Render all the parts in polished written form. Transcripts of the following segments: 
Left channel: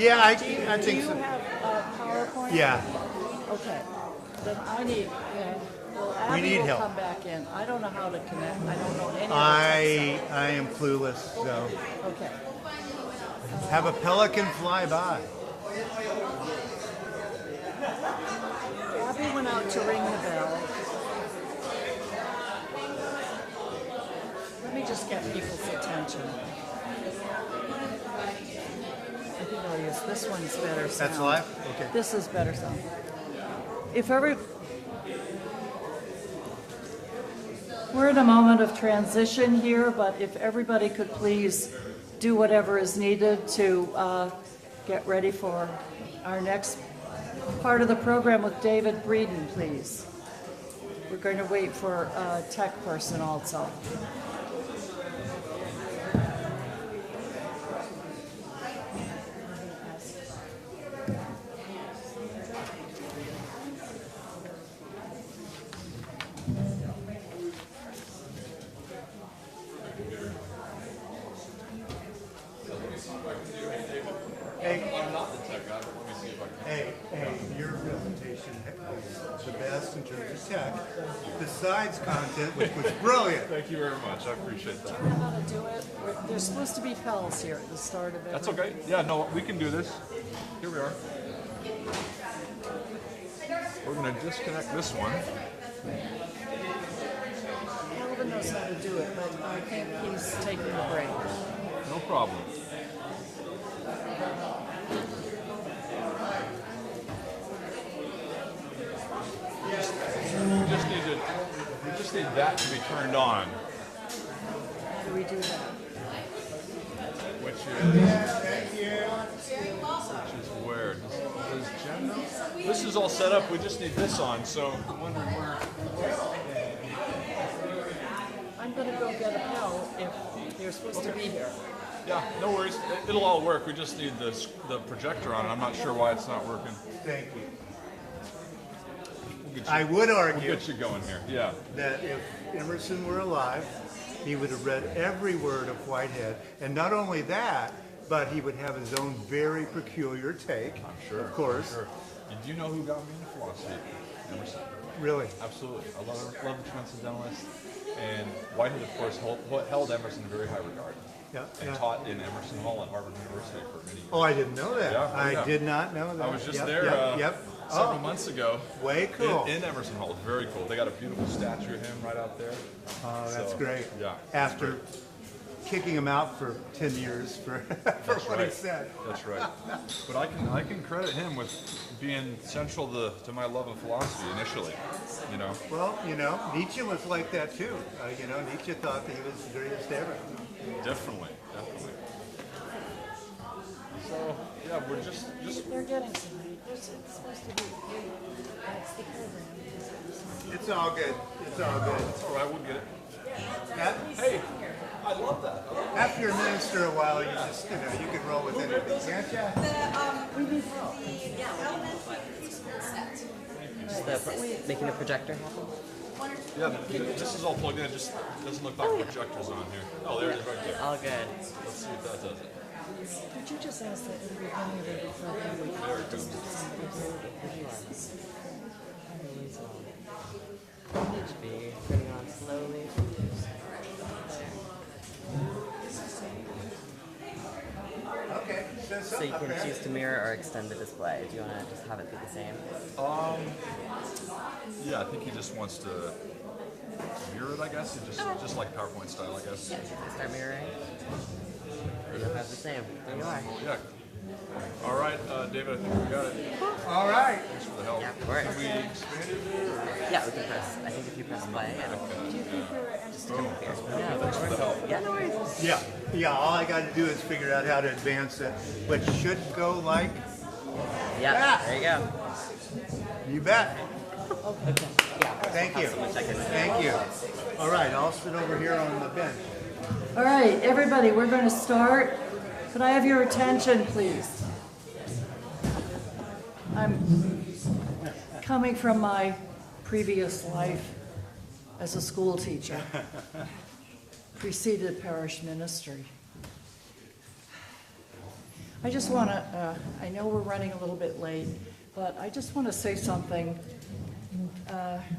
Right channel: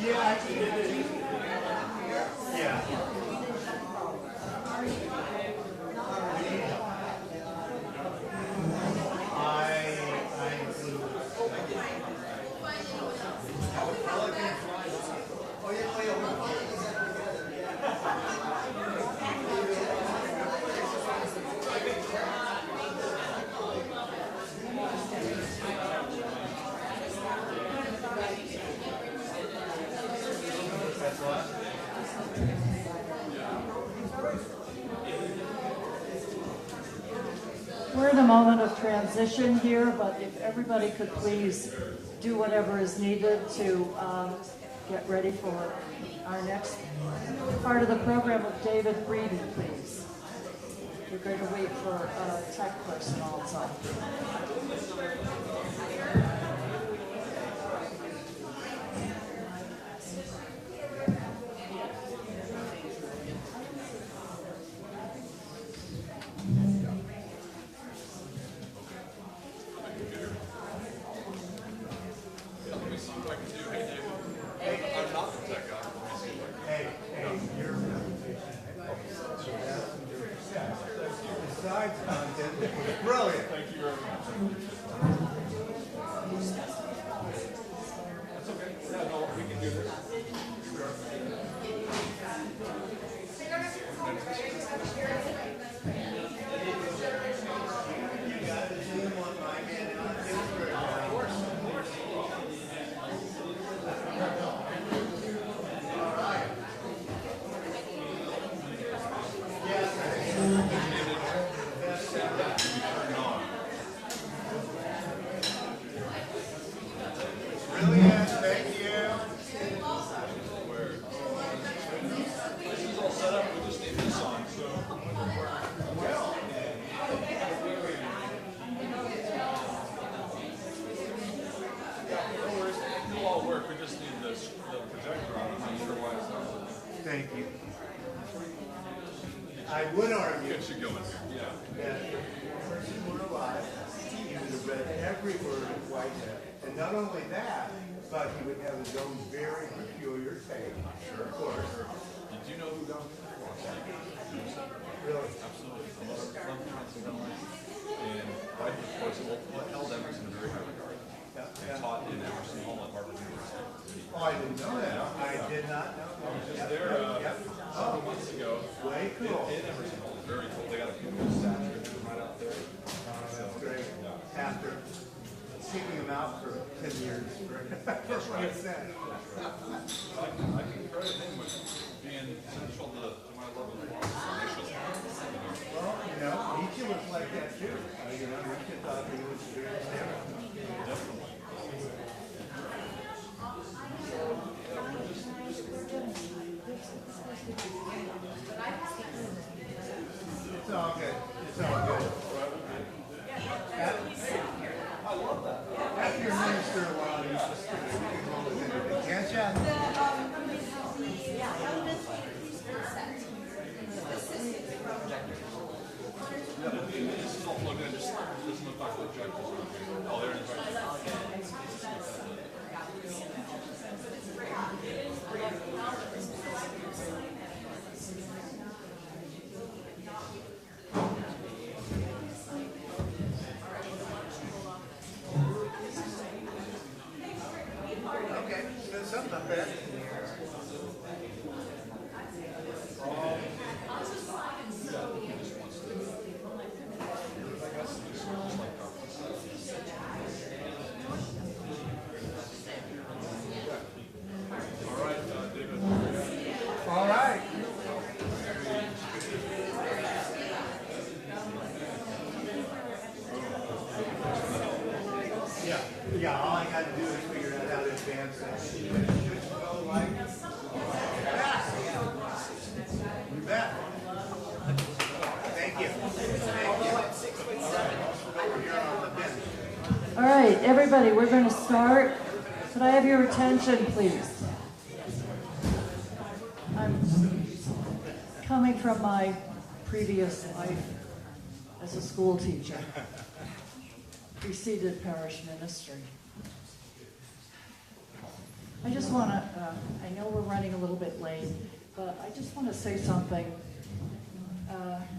Yeah, I think so. Yeah. Okay. Then I need help. We need help. Come back in. I don't know how to connect. I don't know any. I am clueless, so. Okay. Have a pelican fly by. Abby went out to ring the bell. Let me just get people's attention. Yes, this one's better. That's live? Okay. This is better. If every We're in a moment of transition here, but if everybody could please do whatever is needed to get ready for our next part of the program with David Breeden, please. We're going to wait for a tech person also. Content, which was brilliant. Thank you very much. I appreciate that. Do you know how to do it? There's supposed to be bells here at the start of it. That's okay. Yeah, no, we can do this. Here we are. We're going to disconnect this one. Whoever knows how to do it, please take a break. No problem. We just need that to be turned on. How do we do that? Thank you. Which is weird. This is all set up. We just need this on. So I'm wondering where. I'm going to go get a help if you're supposed to be here. Yeah, no worries. It'll all work. We just need the projector on. I'm not sure why it's not working. Thank you. I would argue Get you going here. Yeah. that if Emerson were alive, he would have read every word of Whitehead. And not only that, but he would have his own very peculiar take, Sure. of course. Sure. Did you know who got me into philosophy? Emerson. Really. Absolutely. I love transcendentalist. And Whitehead, of course, held Emerson in very high regard. Yeah, And yeah. taught in Emerson Hall at Harvard University for many years. Oh, I didn't know that. Yeah, I yeah. did not know that. I was just Yep, there Yep. several months ago. Way cool. In Emerson Hall. Very cool. They got a beautiful statue of him right out there. Oh, that's So, great. Yeah. After kicking him out for 10 years for what he right. said. That's right. But I can credit him with being central to my love of philosophy initially. You know. Well, Nietzsche was like that too. Nietzsche thought he was the greatest ever. Definitely. So yeah, we're just We're getting some. It's supposed to be. It's all good. It's all good. all right. We'll get it. Hey, I love that. After you're a minister a while, you just, you can roll with anything, can't you? Making a projector. Yeah, this is all plugged in. It just doesn't look like projectors on here. Oh, there it is right there. All good. Let's see what that does. Could you just ask that So you can choose to mirror or extend the display. Do you want to just have it be the same? Yeah, I think he just wants to mirror it, I guess. Just like PowerPoint style, I guess. Start mirroring. You'll have the same. There you are. Yeah. All right, David, I think we got it. All right. Thanks for the help. Yeah, of course. Yeah, we'll keep this. I think we keep this display. Yeah. Thanks for the help. Yeah, no worries. Yeah, all I got to do is figure out how to advance it, which should go like Yeah, there you go. you bet. Thank you. Thank you. All right, I'll sit over here on the bench. All right, everybody, we're going to start. Could I have your attention, please? I'm coming from my previous life as a school teacher, preceded parish ministry. I just want to, I know we're running a little bit late, but I just want to say something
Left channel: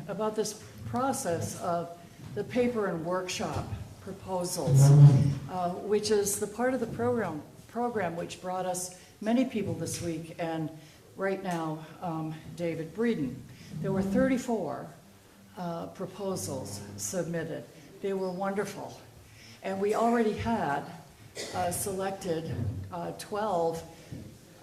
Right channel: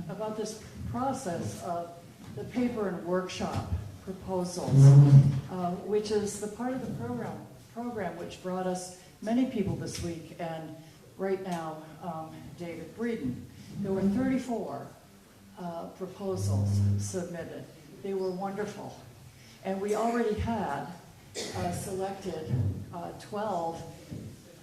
about this process of the paper and workshop proposals, which is the part of the program which brought us many people this week, and right now, David Breeden. There were 34 proposals submitted. They were wonderful. And we already had selected 12.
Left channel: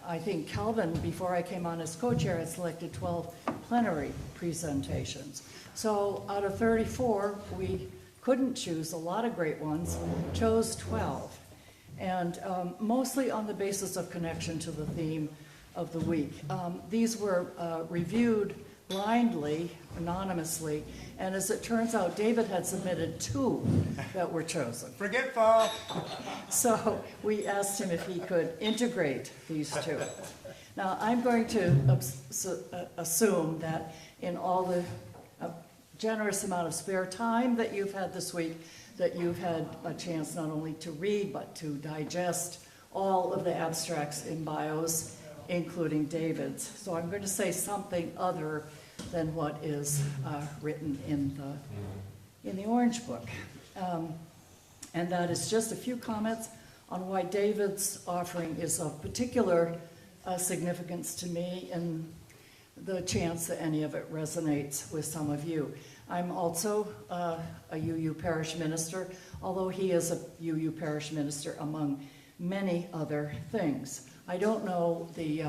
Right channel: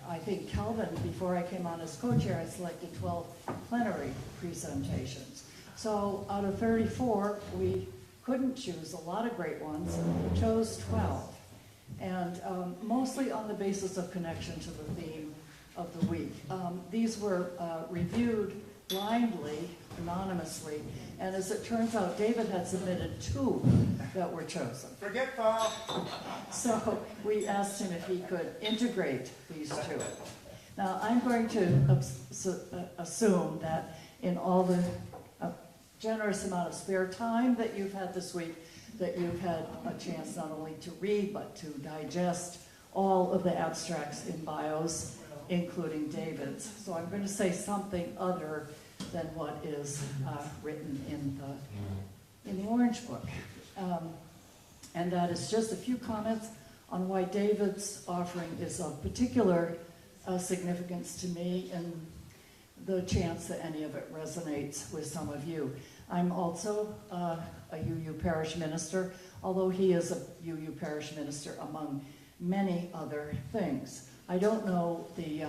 I think Calvin, before I came on as co-chair, had selected 12 plenary presentations. So out of 34, we couldn't choose a lot of great ones, chose 12. And mostly on the basis of connection to the theme of the week. These were reviewed blindly, anonymously, and as it turns out, David had submitted 2 that were chosen. Forget Paul. So we asked him if he could integrate these 2. Now, I'm going to assume that in all the generous amount of spare time that you've had this week, that you've had a chance not only to read, but to digest all of the abstracts in bios, including David's. So I'm going to say something other than what is written in the Orange Book. And that is just a few comments on why David's offering is of particular significance to me, and the chance that any of it resonates with some of you. I'm also a UU parish minister, although he is a UU parish minister among many other things. I don't know the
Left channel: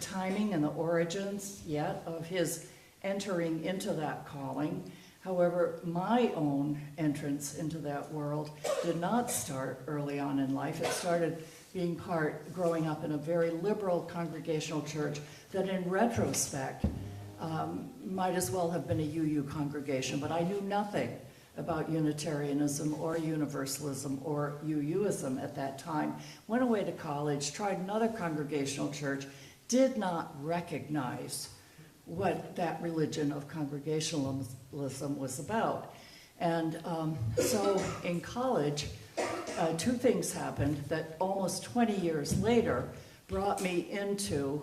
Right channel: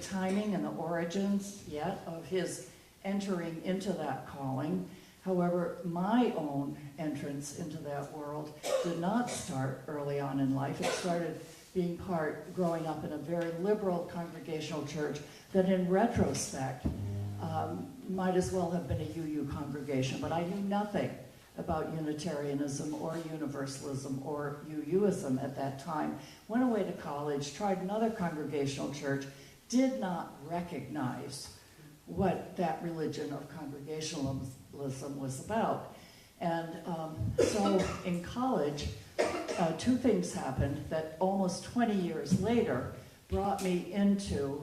timing and the origins yet of his entering into that calling. However, my own entrance into that world did not start early on in life. It started being growing up in a very liberal congregational church that in retrospect might as well have been a UU congregation, but I knew nothing about Unitarianism or Universalism or UUism at that time. Went away to college, tried another congregational church, did not recognize what that religion of Congregationalism was about. And so in college, 2 things happened that almost 20 years later brought me into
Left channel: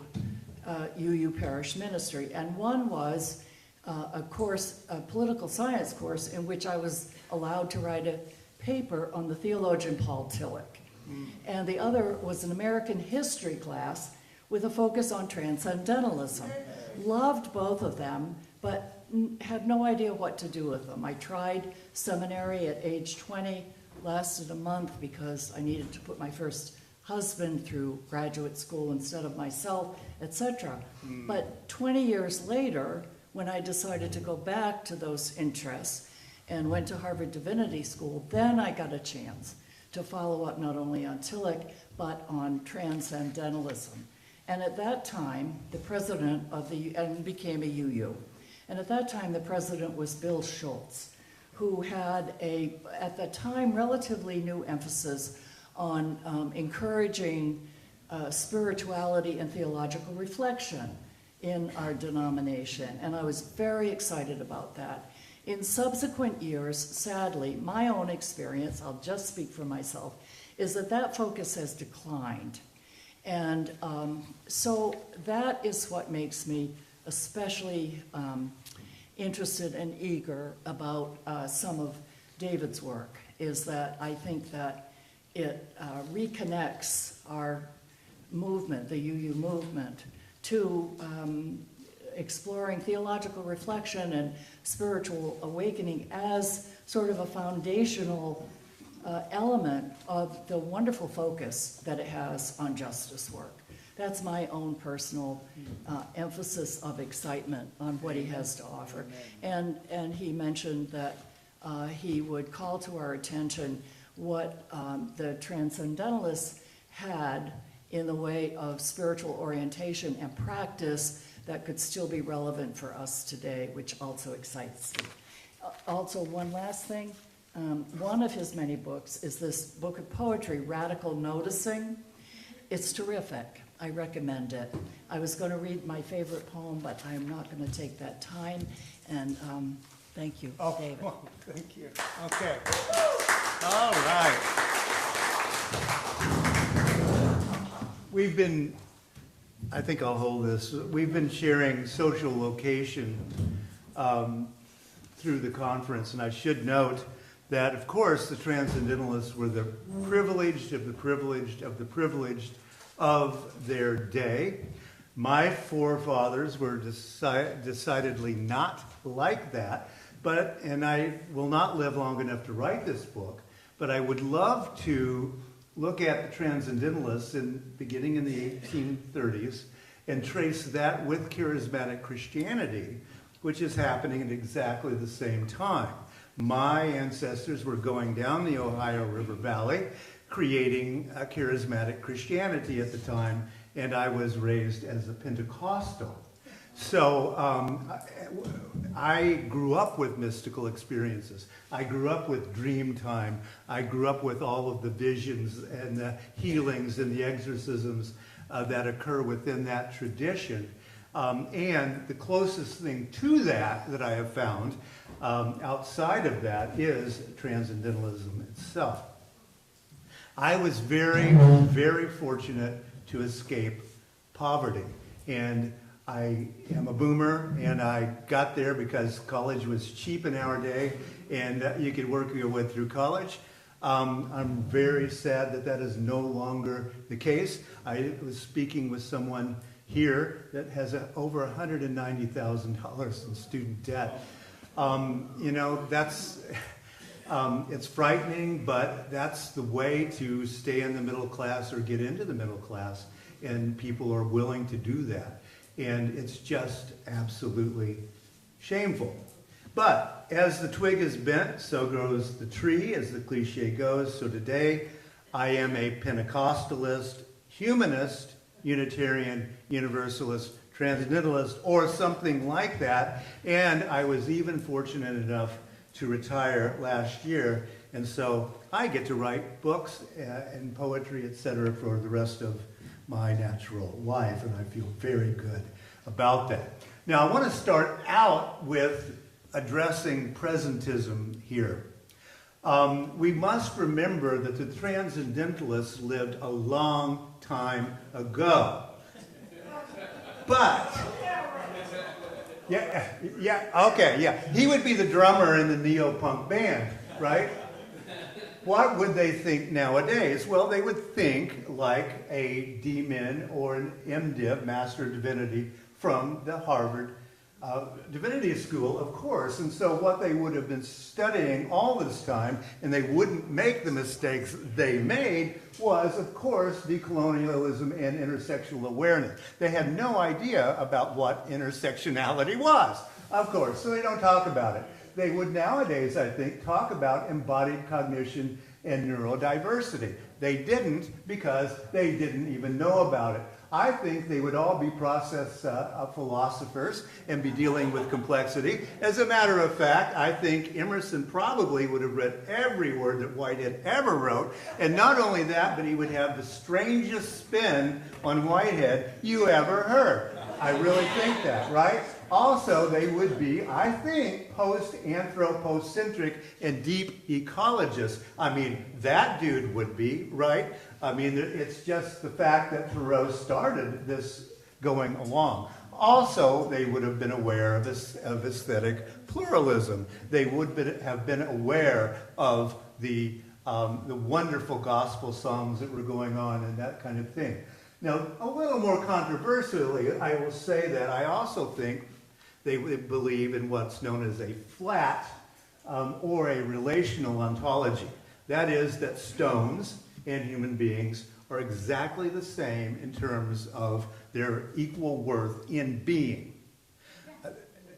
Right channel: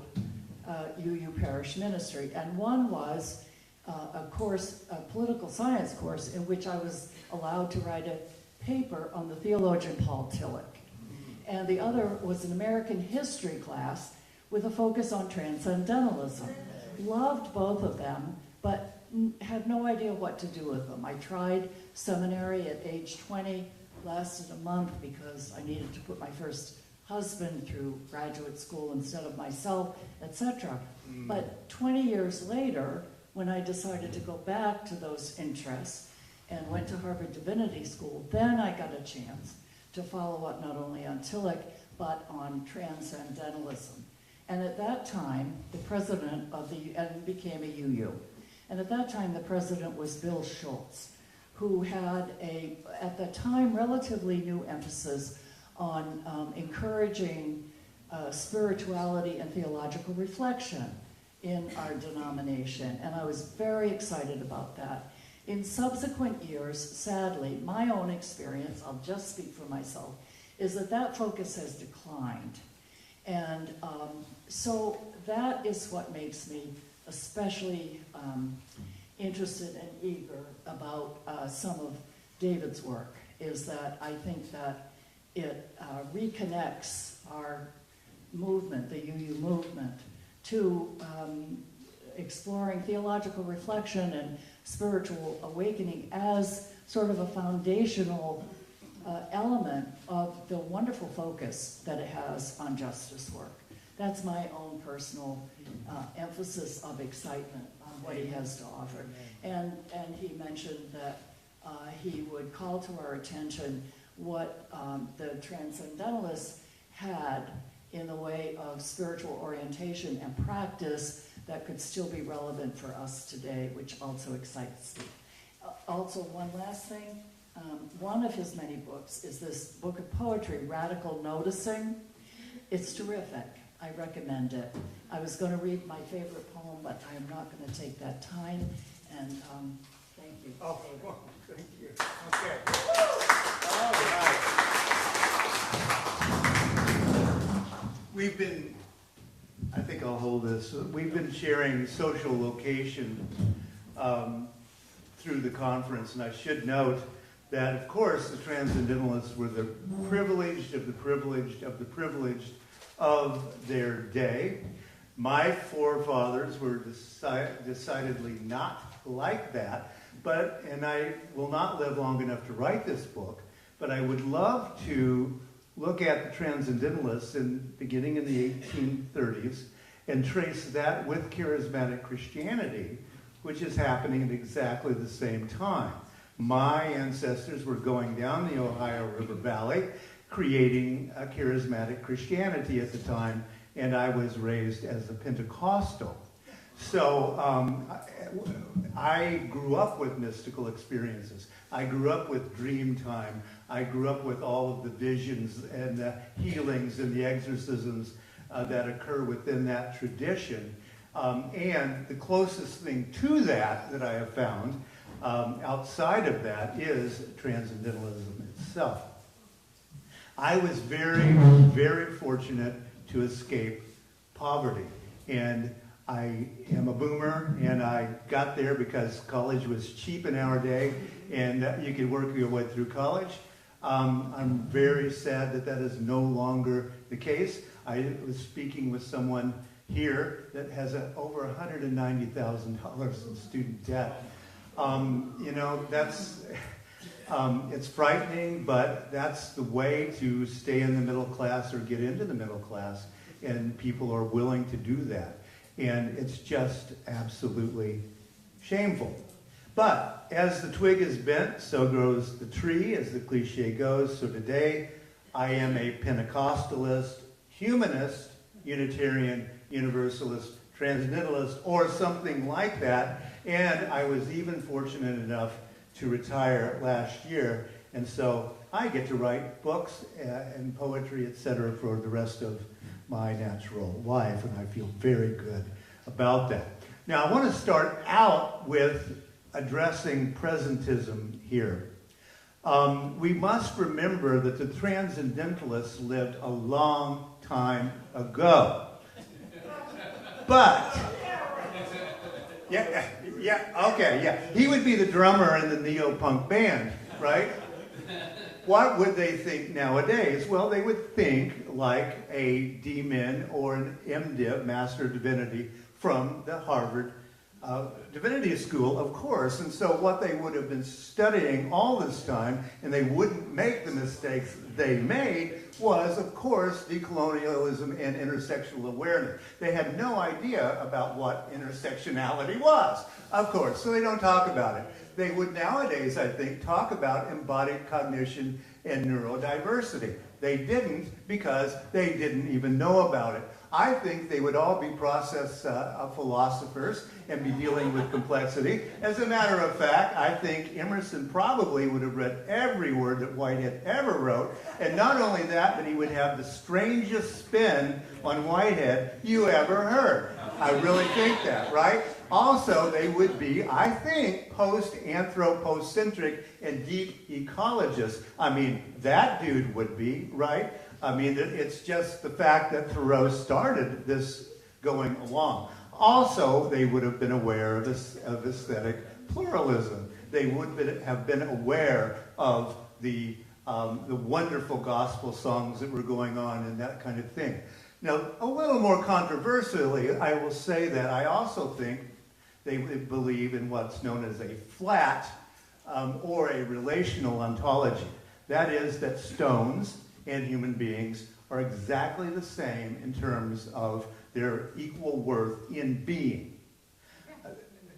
UU parish ministry. And one was a political science course in which I was allowed to write a paper on the theologian Paul Tillich. And the other was an American history class with a focus on transcendentalism. Loved both of them, but had no idea what to do with them. I tried seminary at age 20, lasted a month because I needed to put my first husband through graduate school instead of myself, etc. But 20 years later, when I decided to go back to those interests and went to Harvard Divinity School, then I got a chance to follow up not only on Tillich, but on transcendentalism. And at that time, the president of and became a UU. And at that time, the president was Bill Schultz, who had at the time, relatively new emphasis on encouraging spirituality and theological reflection in our denomination. And I was very excited about that. In subsequent years, sadly, my own experience, I'll just speak for myself, is that focus has declined. And so that is what makes me especially interested and eager about some of David's work, is that I think that it reconnects our movement, the UU movement, to exploring theological reflection and spiritual awakening as sort of a foundational element of the wonderful focus that it has on justice work. That's my own personal emphasis of excitement on what he has to offer. And he mentioned that he would call to our attention what the Transcendentalists had in the way of spiritual orientation and practice that could still be relevant for us today, which also excites me. Also, one last thing. One of his many books is this book of poetry, Radical Noticing. It's terrific. I recommend it. I was going to read my favorite poem, but I am not going to take that time. And thank you, David. Well, thank you. Okay. All right. We've been, I think I'll hold this. We've been sharing social location through the conference, and I should note that, of course, the Transcendentalists were the privileged of the privileged of the privileged of their day. My forefathers were decidedly not like that, and I will not live long enough to write this book, but I would love to look at the Transcendentalists beginning in the 1830s and trace that with charismatic Christianity, which is happening at exactly the same time. My ancestors were going down the Ohio River Valley, creating a charismatic Christianity at the time, and I was raised as a Pentecostal. So I grew up with mystical experiences. I grew up with dream time. I grew up with all of the visions and the healings and the exorcisms that occur within that tradition. And the closest thing to that I have found outside of that is Transcendentalism itself. I was very, very fortunate to escape poverty. And I am a boomer, and I got there because college was cheap in our day, and you could work your way through college. I'm very sad that is no longer the case. I was speaking with someone here that has over $190,000 in student debt. That's it's frightening, but that's the way to stay in the middle class or get into the middle class, and people are willing to do that. And it's just absolutely shameful. But as the twig is bent, so grows the tree, as the cliche goes. So today, I am a Pentecostalist, humanist, Unitarian, Universalist, Transcendentalist, or something like that. And I was even fortunate enough to retire last year. And so I get to write books and poetry, etc., for the rest of my natural life, and I feel very good about that. Now, I want to start out with addressing presentism here. We must remember that the Transcendentalists lived a long time ago. But, he would be the drummer in the neo-punk band, right? What would they think nowadays? Well, they would think like a D-Min or an MDiv, Master of Divinity, from the Harvard Divinity School, of course. And so what they would have been studying all this time, and they wouldn't make the mistakes they made, was, of course, decolonialism and intersectional awareness. They had no idea about what intersectionality was, of course, so they don't talk about it. They would nowadays, I think, talk about embodied cognition and neurodiversity. They didn't because they didn't even know about it. I think they would all be process philosophers and be dealing with complexity. As a matter of fact, I think Emerson probably would have read every word that Whitehead ever wrote. And not only that, but he would have the strangest spin on Whitehead you ever heard. I really think that, right? Also, they would be, I think, post-anthropocentric and deep ecologists. I mean, that dude would be, right? I mean, it's just the fact that Thoreau started this going along. Also, they would have been aware of aesthetic pluralism. They would have been aware of the wonderful gospel songs that were going on and that kind of thing. Now, a little more controversially, I will say that I also think they believe in what's known as a flat or a relational ontology. That is, that stones and human beings are exactly the same in terms of their equal worth in being.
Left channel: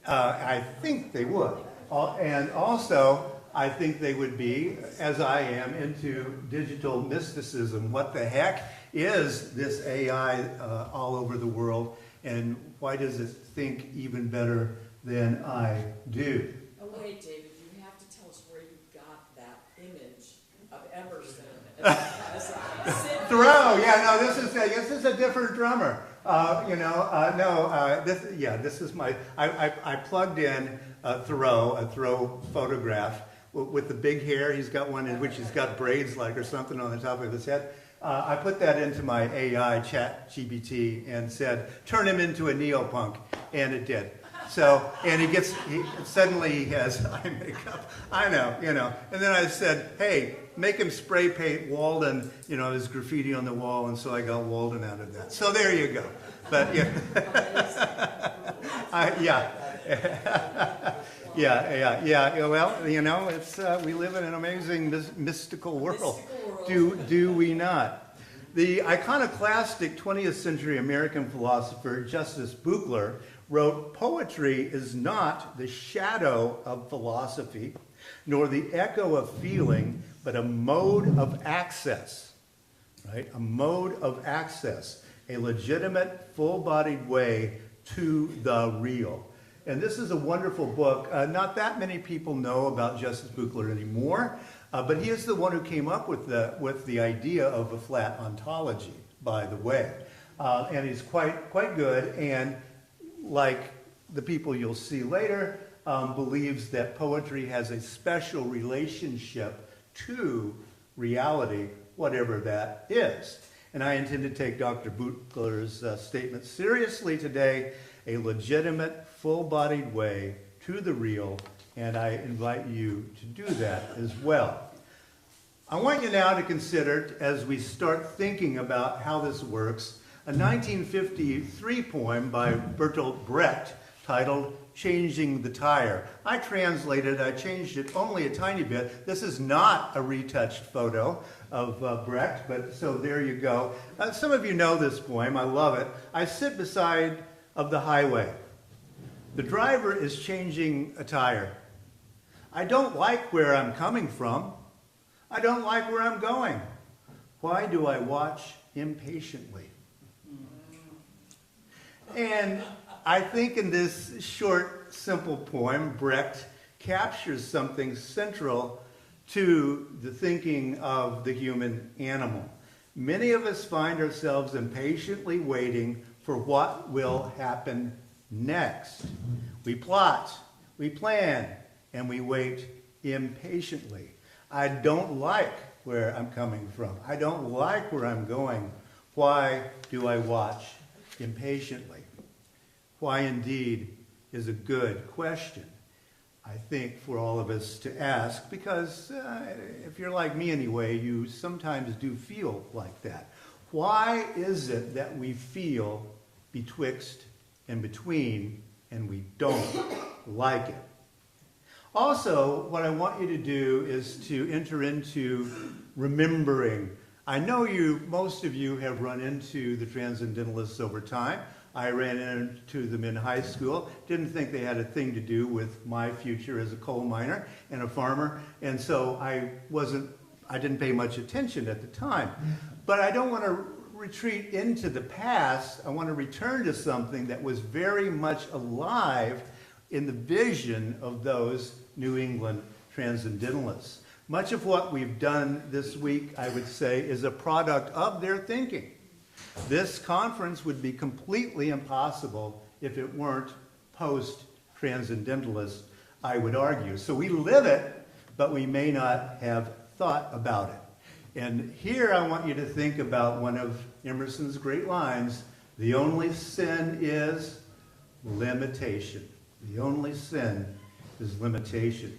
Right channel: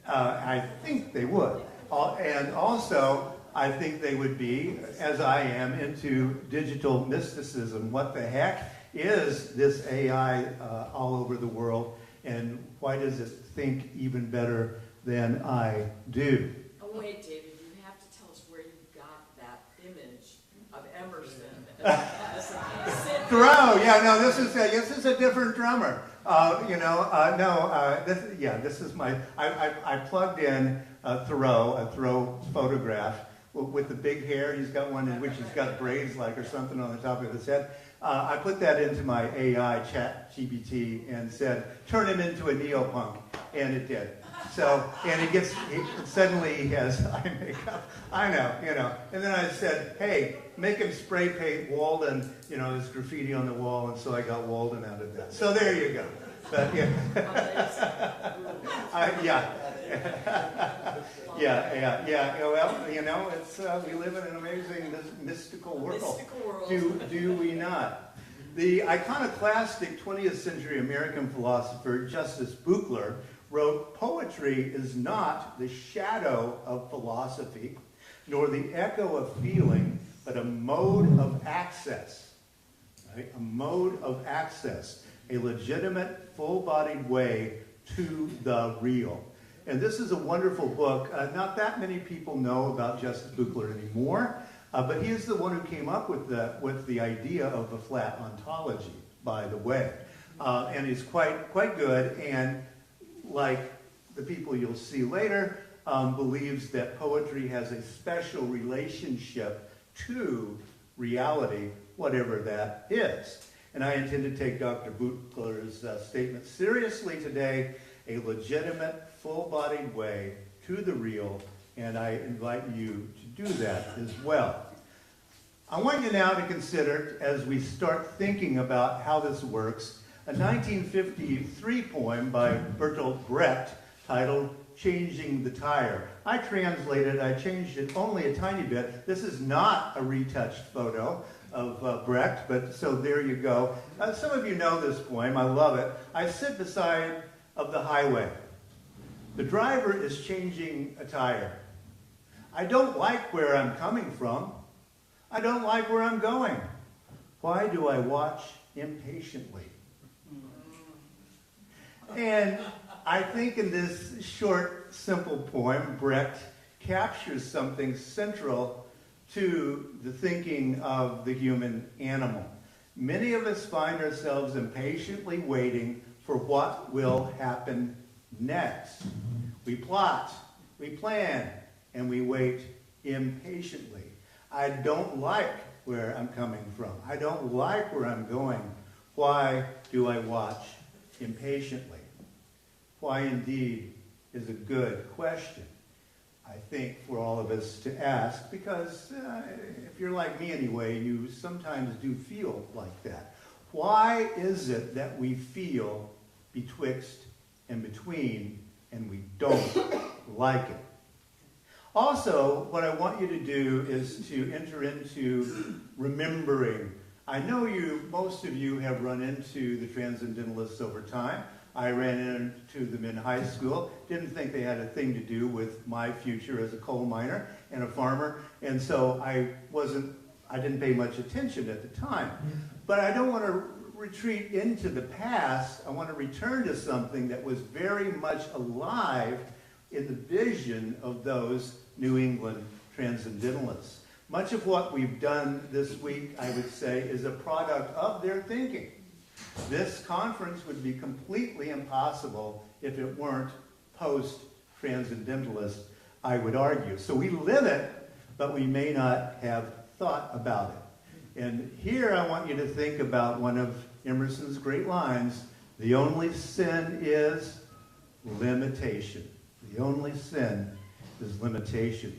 I think they would. And also, I think they would be, as I am, into digital mysticism. What the heck is this AI all over the world, and why does it think even better than I do? Oh, wait, David, you have to tell us where you got that image of Emerson. Thoreau, yeah, no, this is a different drummer. This is my, I plugged in a Thoreau photograph with the big hair. He's got one in which he's got braids like or something on the top of his head. I put that into my AI chat GPT and said, turn him into a neopunk, and it did. So, and suddenly he has eye makeup. I know. And then I said, hey, make him spray paint Walden, his graffiti on the wall, and so I got Walden out of that. So there you go. But yeah. Well, it's we live in an amazing mystical world. Do we not? The iconoclastic 20th century American philosopher Justice Buchler wrote, "Poetry is not the shadow of philosophy, nor the echo of feeling, but a mode of access." Right? A mode of access, a legitimate, full-bodied way to the real. And this is a wonderful book. Not that many people know about Justice Buchler anymore, but he is the one who came up with the idea of a flat ontology, by the way. And he's quite good, and like the people you'll see later, believes that poetry has a special relationship to reality, whatever that is. And I intend to take Dr. Buchler's statement seriously today, a legitimate, full-bodied way to the real, and I invite you to do that as well. I want you now to consider, as we start thinking about how this works, a 1953 poem by Bertolt Brecht titled "Changing the Tire." I changed it only a tiny bit. This is not a retouched photo of Brecht, but so there you go. Some of you know this poem. I love it. I sit beside of the highway. The driver is changing a tire. I don't like where I'm coming from. I don't like where I'm going. Why do I watch impatiently? And I think in this short, simple poem, Brecht captures something central to the thinking of the human animal. Many of us find ourselves impatiently waiting for what will happen next. We plot, we plan, and we wait impatiently. I don't like where I'm coming from. I don't like where I'm going. Why do I watch impatiently? Why indeed is a good question, I think, for all of us to ask, because if you're like me anyway, you sometimes do feel like that. Why is it that we feel betwixt and between and we don't like it? Also, what I want you to do is to enter into remembering. I know most of you have run into the Transcendentalists over time. I ran into them in high school. Didn't think they had a thing to do with my future as a coal miner and a farmer, and so I didn't pay much attention at the time. But I don't want to retreat into the past. I want to return to something that was very much alive in the vision of those New England Transcendentalists. Much of what we've done this week, I would say, is a product of their thinking. This conference would be completely impossible if it weren't post-transcendentalist, I would argue. So we live it, but we may not have thought about it. And here I want you to think about one of Emerson's great lines: the only sin is limitation. The only sin is limitation.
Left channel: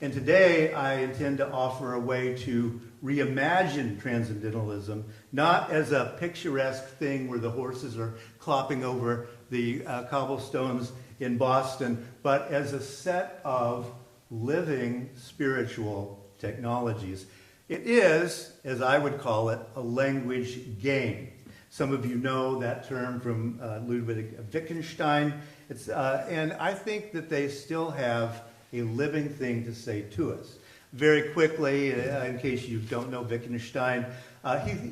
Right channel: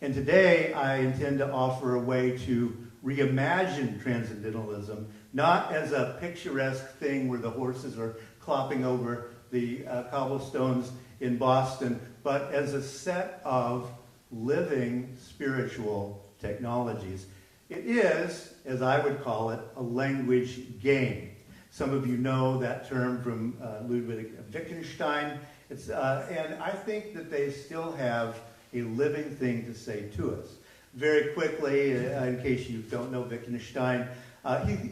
And today I intend to offer a way to reimagine transcendentalism, not as a picturesque thing where the horses are clopping over the cobblestones in Boston, but as a set of living spiritual technologies. It is, as I would call it, a language game. Some of you know that term from Ludwig Wittgenstein. And I think that they still have a living thing to say to us. Very quickly, in case you don't know Wittgenstein,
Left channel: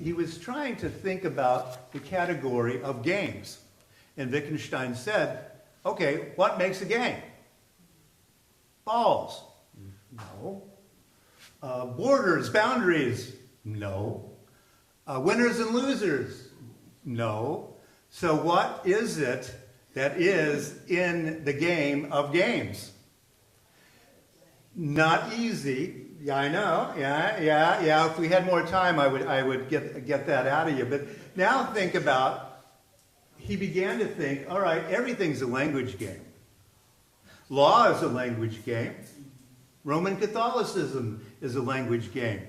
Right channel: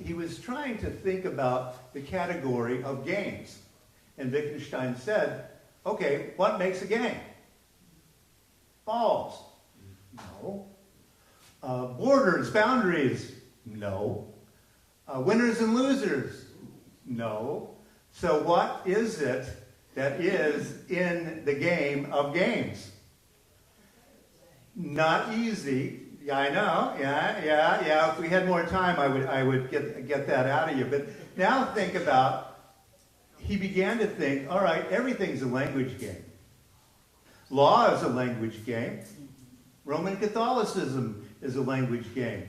he was trying to think about the category of games. And Wittgenstein said, okay, what makes a game? Balls. No. Borders, boundaries? No. Winners and losers? No. So what is it that is in the game of games? Not easy. Yeah, I know. Yeah. If we had more time, I would get that out of you. But now think about, he began to think, all right, everything's a language game. Law is a language game. Roman Catholicism is a language game.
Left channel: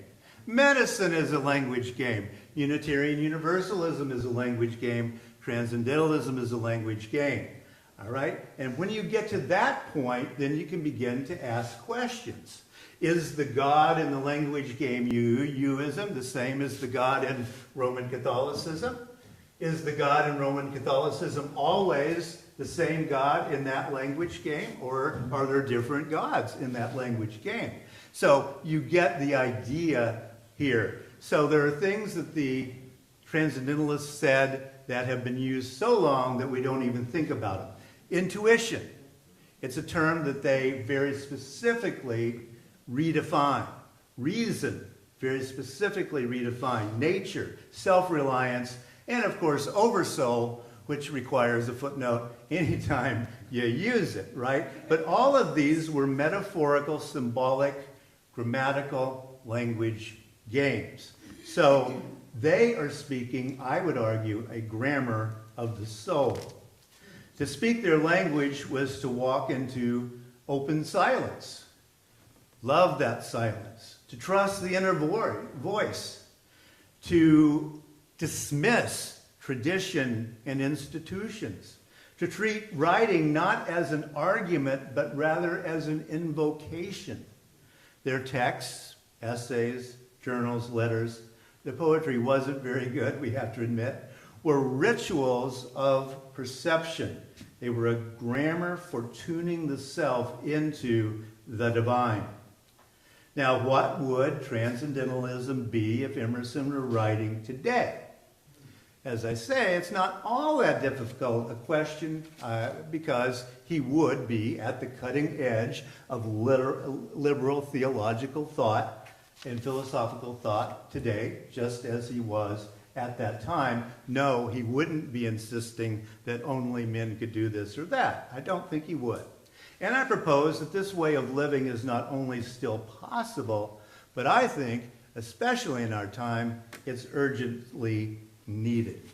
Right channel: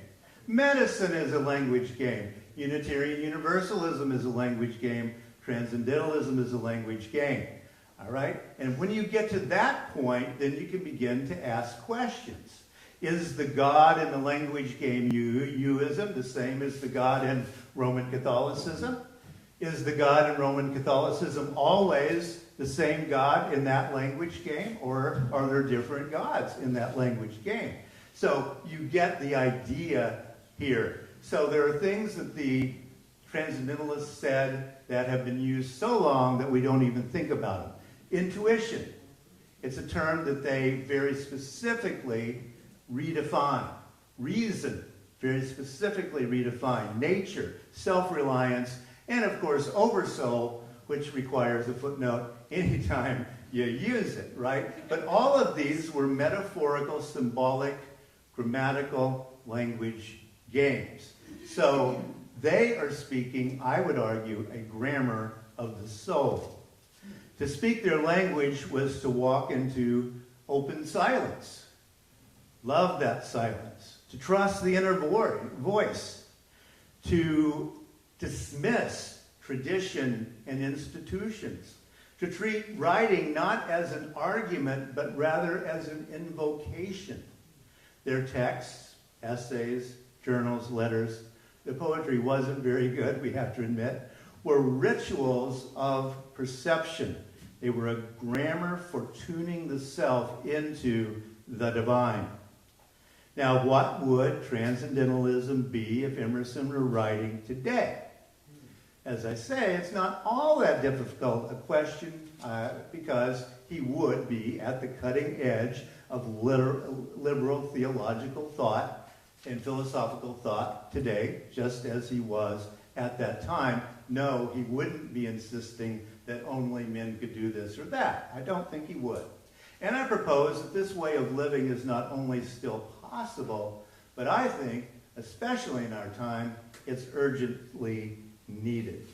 Medicine is a language game. Unitarian Universalism is a language game. Transcendentalism is a language game. All right? And when you get to that point, then you can begin to ask questions. Is the God in the language game youism the same as the God in Roman Catholicism? Is the God in Roman Catholicism always the same God in that language game, or are there different gods in that language game? So you get the idea here. So there are things that the transcendentalists said that have been used so long that we don't even think about them. Intuition. It's a term that they very specifically redefine. Reason, very specifically redefine. Nature, self-reliance, and of course oversoul, which requires a footnote anytime you use it, right? But all of these were metaphorical, symbolic, grammatical language games. So they are speaking, I would argue, a grammar of the soul. To speak their language was to walk into open silence. Love that silence. To trust the inner voice. To dismiss tradition and institutions. To treat writing not as an argument, but rather as an invocation. Their texts, essays, journals, letters, the poetry wasn't very good, we have to admit, were rituals of perception. They were a grammar for tuning the self into the divine. Now, what would transcendentalism be if Emerson were writing today? As I say, it's not all that difficult a question because he would be at the cutting edge of liberal theological thought and philosophical thought today, just as he was at that time. No, he wouldn't be insisting that only men could do this or that. I don't think he would. And I propose that this way of living is not only still possible, but I think, especially in our time, it's urgently needed.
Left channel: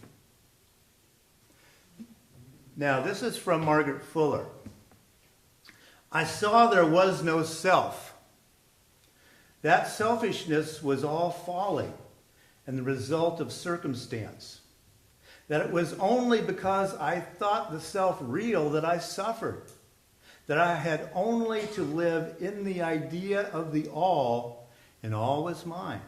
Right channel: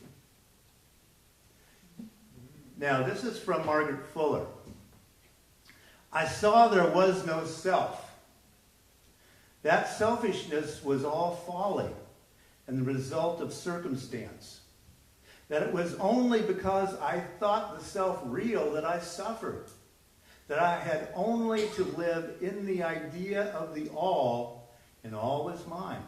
Now, this is from Margaret Fuller. I saw there was no self. That selfishness was all folly and the result of circumstance. That it was only because I thought the self real that I suffered. That I had only to live in the idea of the all, and all was mine.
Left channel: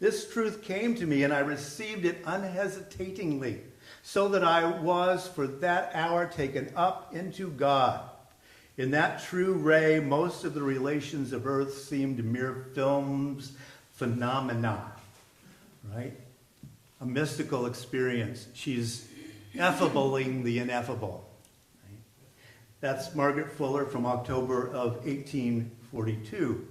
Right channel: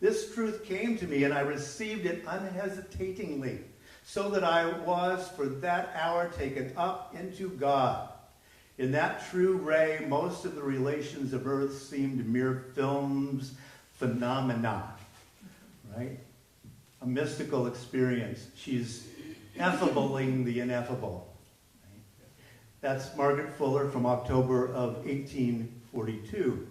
This truth came to me, and I received it unhesitatingly, so that I was for that hour taken up into God. In that true ray, most of the relations of earth seemed mere films, phenomena, right? A mystical experience. She's effabling the ineffable. Right? That's Margaret Fuller from October of 1842.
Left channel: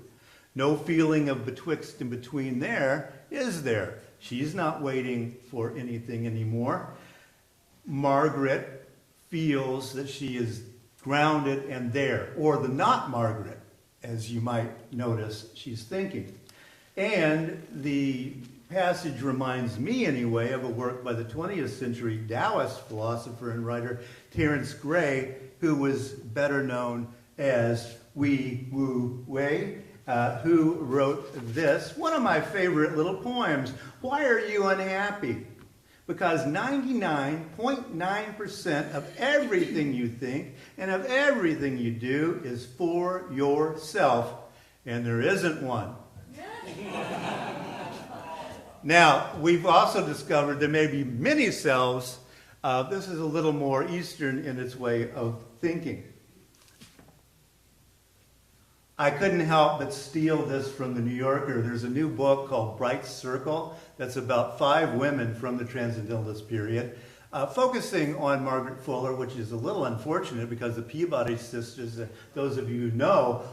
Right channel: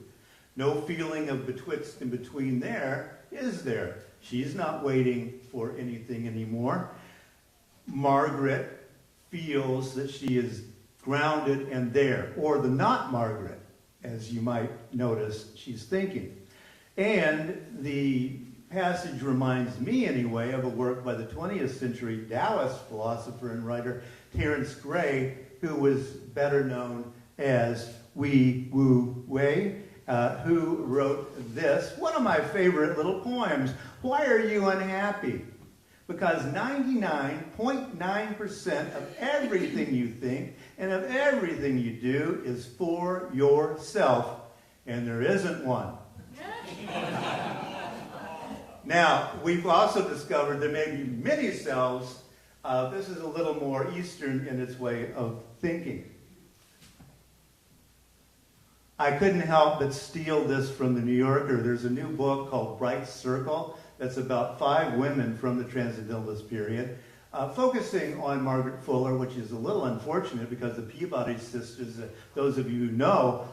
No feeling of betwixt and between there, is there? She's not waiting for anything anymore. Margaret feels that she is grounded and there, or the not Margaret, as you might notice she's thinking. And the passage reminds me, anyway, of a work by the 20th century Taoist philosopher and writer Terence Gray, who was better known as Wei Wu Wei, who wrote this, one of my favorite little poems. Why are you unhappy? Because 99.9% of everything you think and of everything you do is for yourself, and there isn't one. Now, we've also discovered there may be many selves. This is a little more Eastern in its way of thinking. I couldn't help but steal this from the New Yorker. There's a new book called Bright Circle that's about 5 women from the Transcendentalist period, focusing on Margaret Fuller, which is a little unfortunate because the Peabody sisters, those of you who know,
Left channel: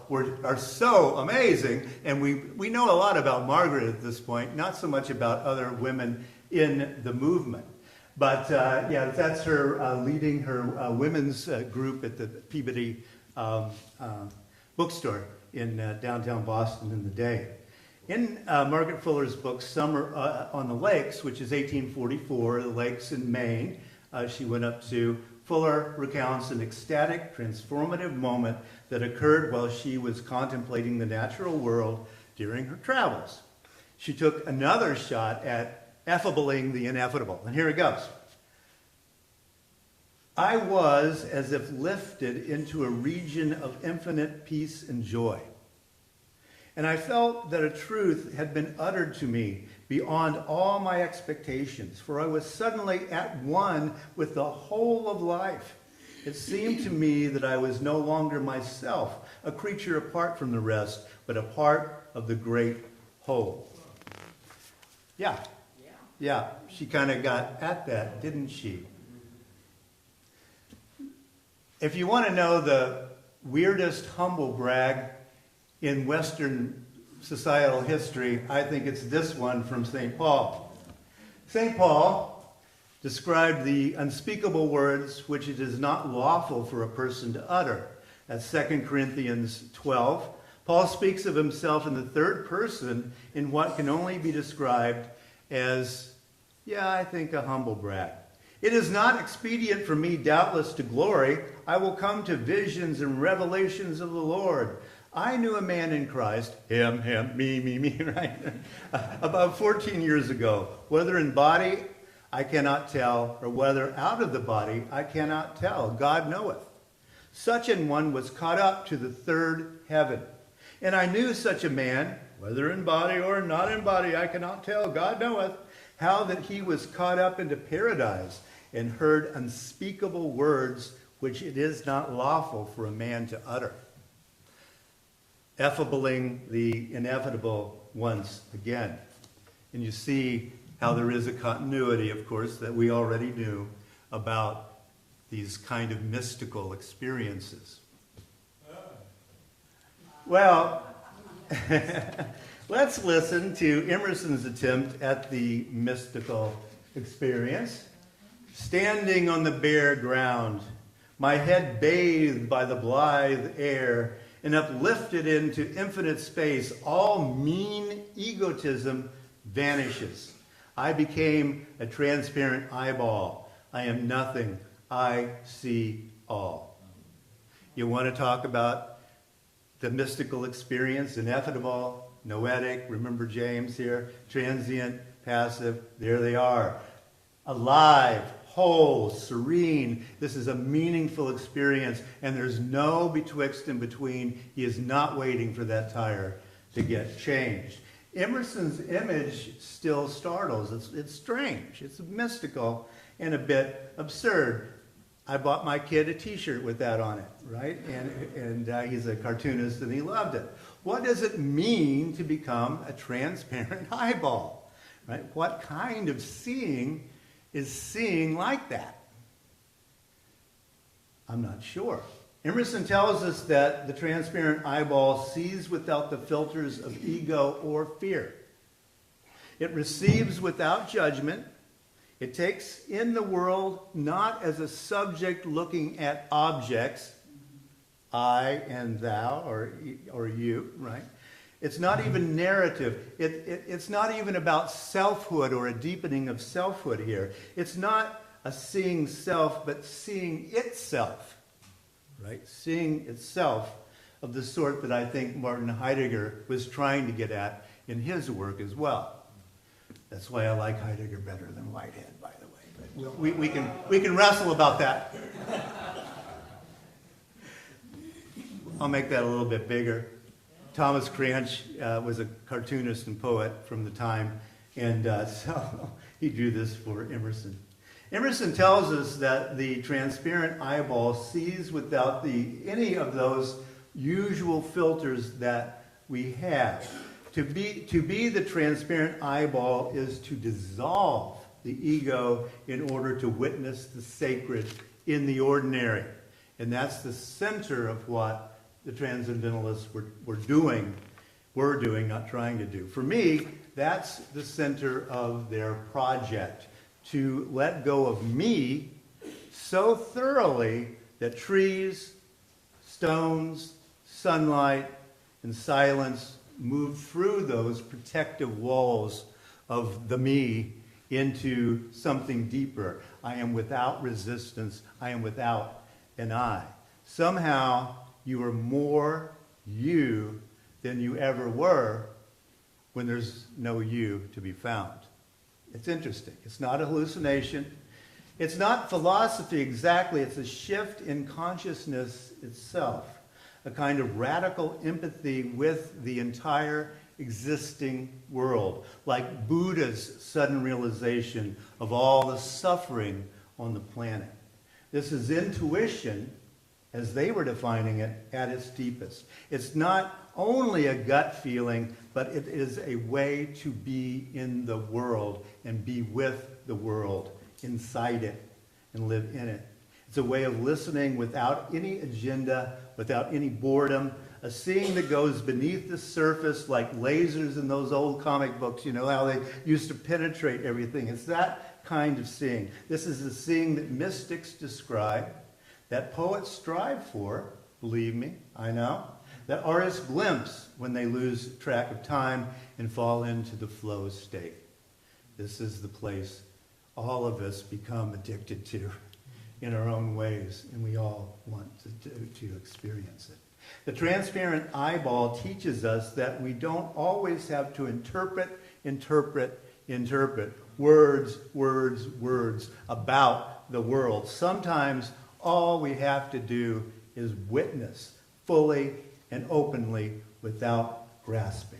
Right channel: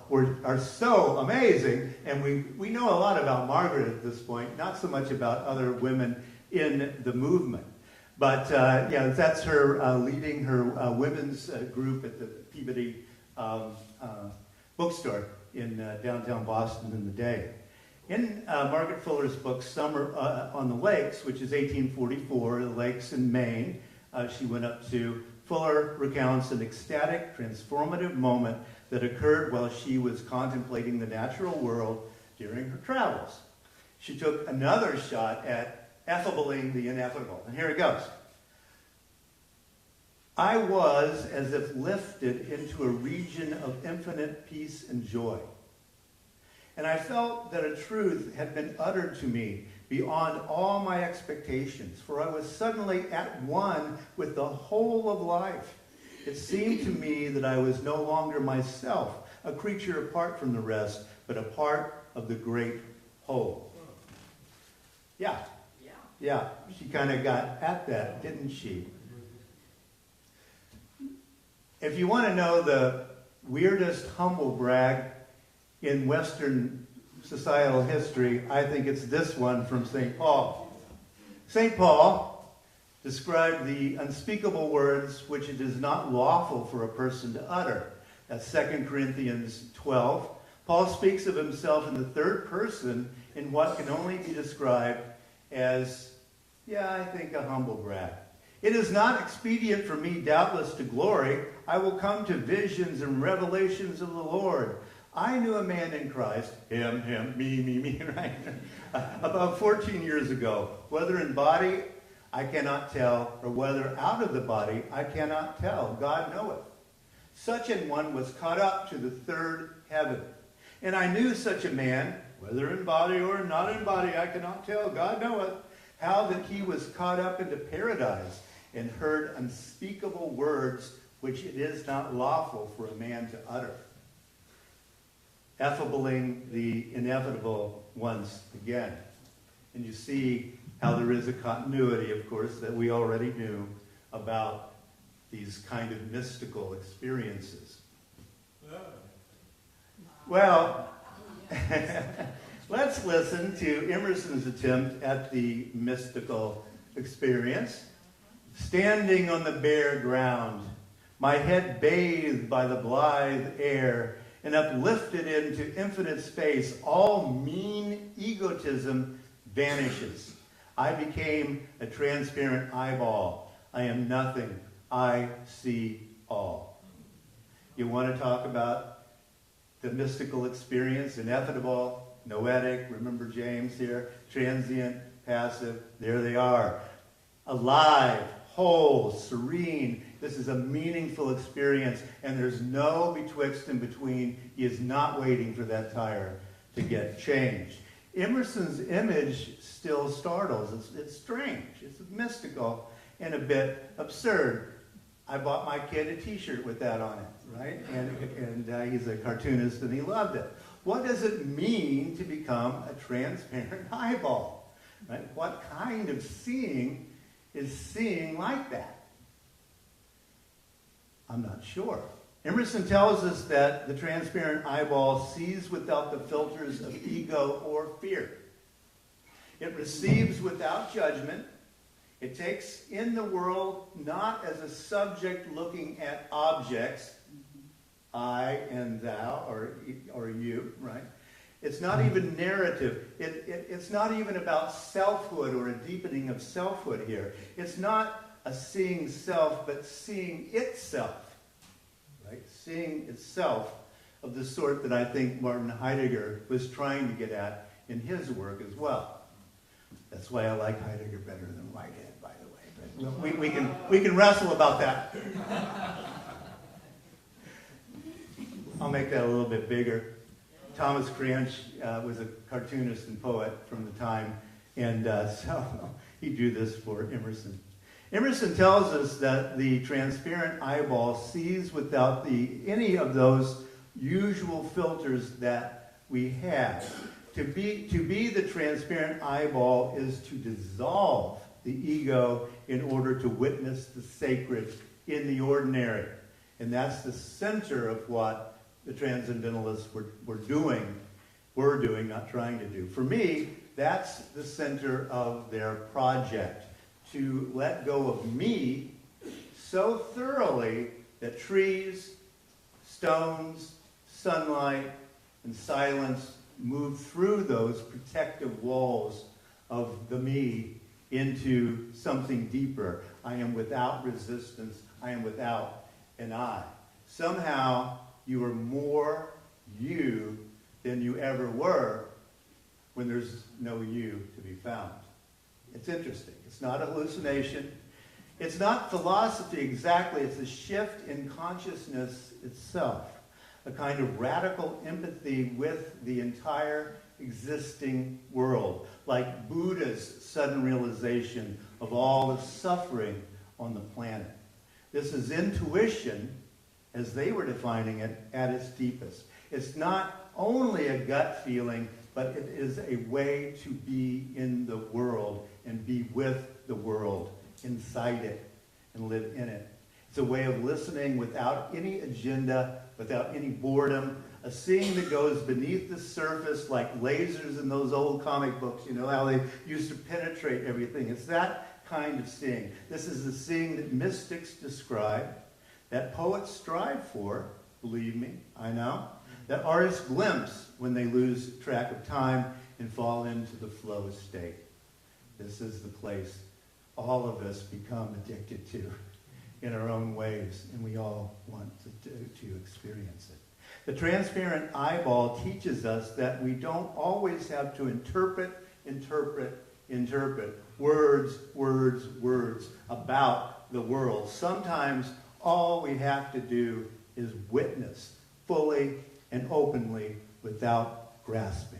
are so amazing. And we know a lot about Margaret at this point, not so much about other women in the movement. But yeah, that's her leading her women's group at the Peabody bookstore in downtown Boston in the day. In Margaret Fuller's book, Summer on the Lakes, which is 1844, the lakes in Maine, she went up to, Fuller recounts an ecstatic, transformative moment that occurred while she was contemplating the natural world during her travels. She took another shot at effabling the inevitable. And here it goes. I was as if lifted into a region of infinite peace and joy. And I felt that a truth had been uttered to me beyond all my expectations, for I was suddenly at one with the whole of life. It seemed to me that I was no longer myself, a creature apart from the rest, but a part of the great whole. Yeah, she kind of got at that, didn't she? If you want to know the weirdest humble brag in Western societal history, I think it's this one from St. Paul. St. Paul described the unspeakable words which it is not lawful for a person to utter. That's 2 Corinthians 12. Paul speaks of himself in the third person in what can only be described as, I think, a humble brag. It is not expedient for me, doubtless, to glory. I will come to visions and revelations of the Lord. I knew a man in Christ, him, me, right? About 14 years ago. Whether in body, I cannot tell, or whether out of the body, I cannot tell. God knoweth. Such an one was caught up to the third heaven. And I knew such a man, whether in body or not in body, I cannot tell. God knoweth, how that he was caught up into paradise and heard unspeakable words which it is not lawful for a man to utter. Effabling the inevitable once again. And you see how there is a continuity, of course, that we already knew about these kind of mystical experiences. Well, let's listen to Emerson's attempt at the mystical experience. Standing on the bare ground, my head bathed by the blithe air, and uplifted into infinite space, all mean egotism vanishes. I became a transparent eyeball. I am nothing. I see all. You want to talk about the mystical experience, ineffable, noetic, remember James here, transient, passive, there they are. Alive, whole, serene. This is a meaningful experience, and there's no betwixt and between. He is not waiting for that tire to get changed. Emerson's image still startles. It's strange. It's mystical and a bit absurd. I bought my kid a t-shirt with that on it, right? And he's a cartoonist, and he loved it. What does it mean to become a transparent eyeball, right? What kind of seeing is seeing like that? I'm not sure. Emerson tells us that the transparent eyeball sees without the filters of ego or fear. It receives without judgment. It takes in the world not as a subject looking at objects, I and thou, or you, right? It's not even narrative. It's not even about selfhood or a deepening of selfhood here. It's not a seeing self, but seeing itself, right? Seeing itself of the sort that I think Martin Heidegger was trying to get at in his work as well. That's why I like Heidegger better than Whitehead, by the way. But we can wrestle about that. I'll make that a little bit bigger. Thomas Cranch was a cartoonist and poet from the time, and so he drew this for Emerson. Emerson tells us that the transparent eyeball sees without any of those usual filters that we have. To be the transparent eyeball is to dissolve the ego in order to witness the sacred in the ordinary. And that's the center of what the Transcendentalists were doing, not trying to do. For me, that's the center of their project, to let go of me so thoroughly that trees, stones, sunlight, and silence move through those protective walls of the me into something deeper. I am without resistance. I am without an I. Somehow, you are more you than you ever were when there's no you to be found. It's interesting. It's not a hallucination. It's not philosophy exactly. It's a shift in consciousness itself, a kind of radical empathy with the entire existing world, like Buddha's sudden realization of all the suffering on the planet. This is intuition, as they were defining it, at its deepest. It's not only a gut feeling, but it is a way to be in the world and be with the world, inside it, and live in it. It's a way of listening without any agenda, without any boredom, a seeing that goes beneath the surface like lasers in those old comic books, you know, how they used to penetrate everything. It's that kind of seeing. This is the seeing that mystics describe, that poets strive for, believe me, I know, that artists glimpse when they lose track of time and fall into the flow state. This is the place all of us become addicted to in our own ways, and we all want to experience it. The transparent eyeball teaches us that we don't always have to interpret words about the world. Sometimes all we have to do is witness fully and openly without grasping.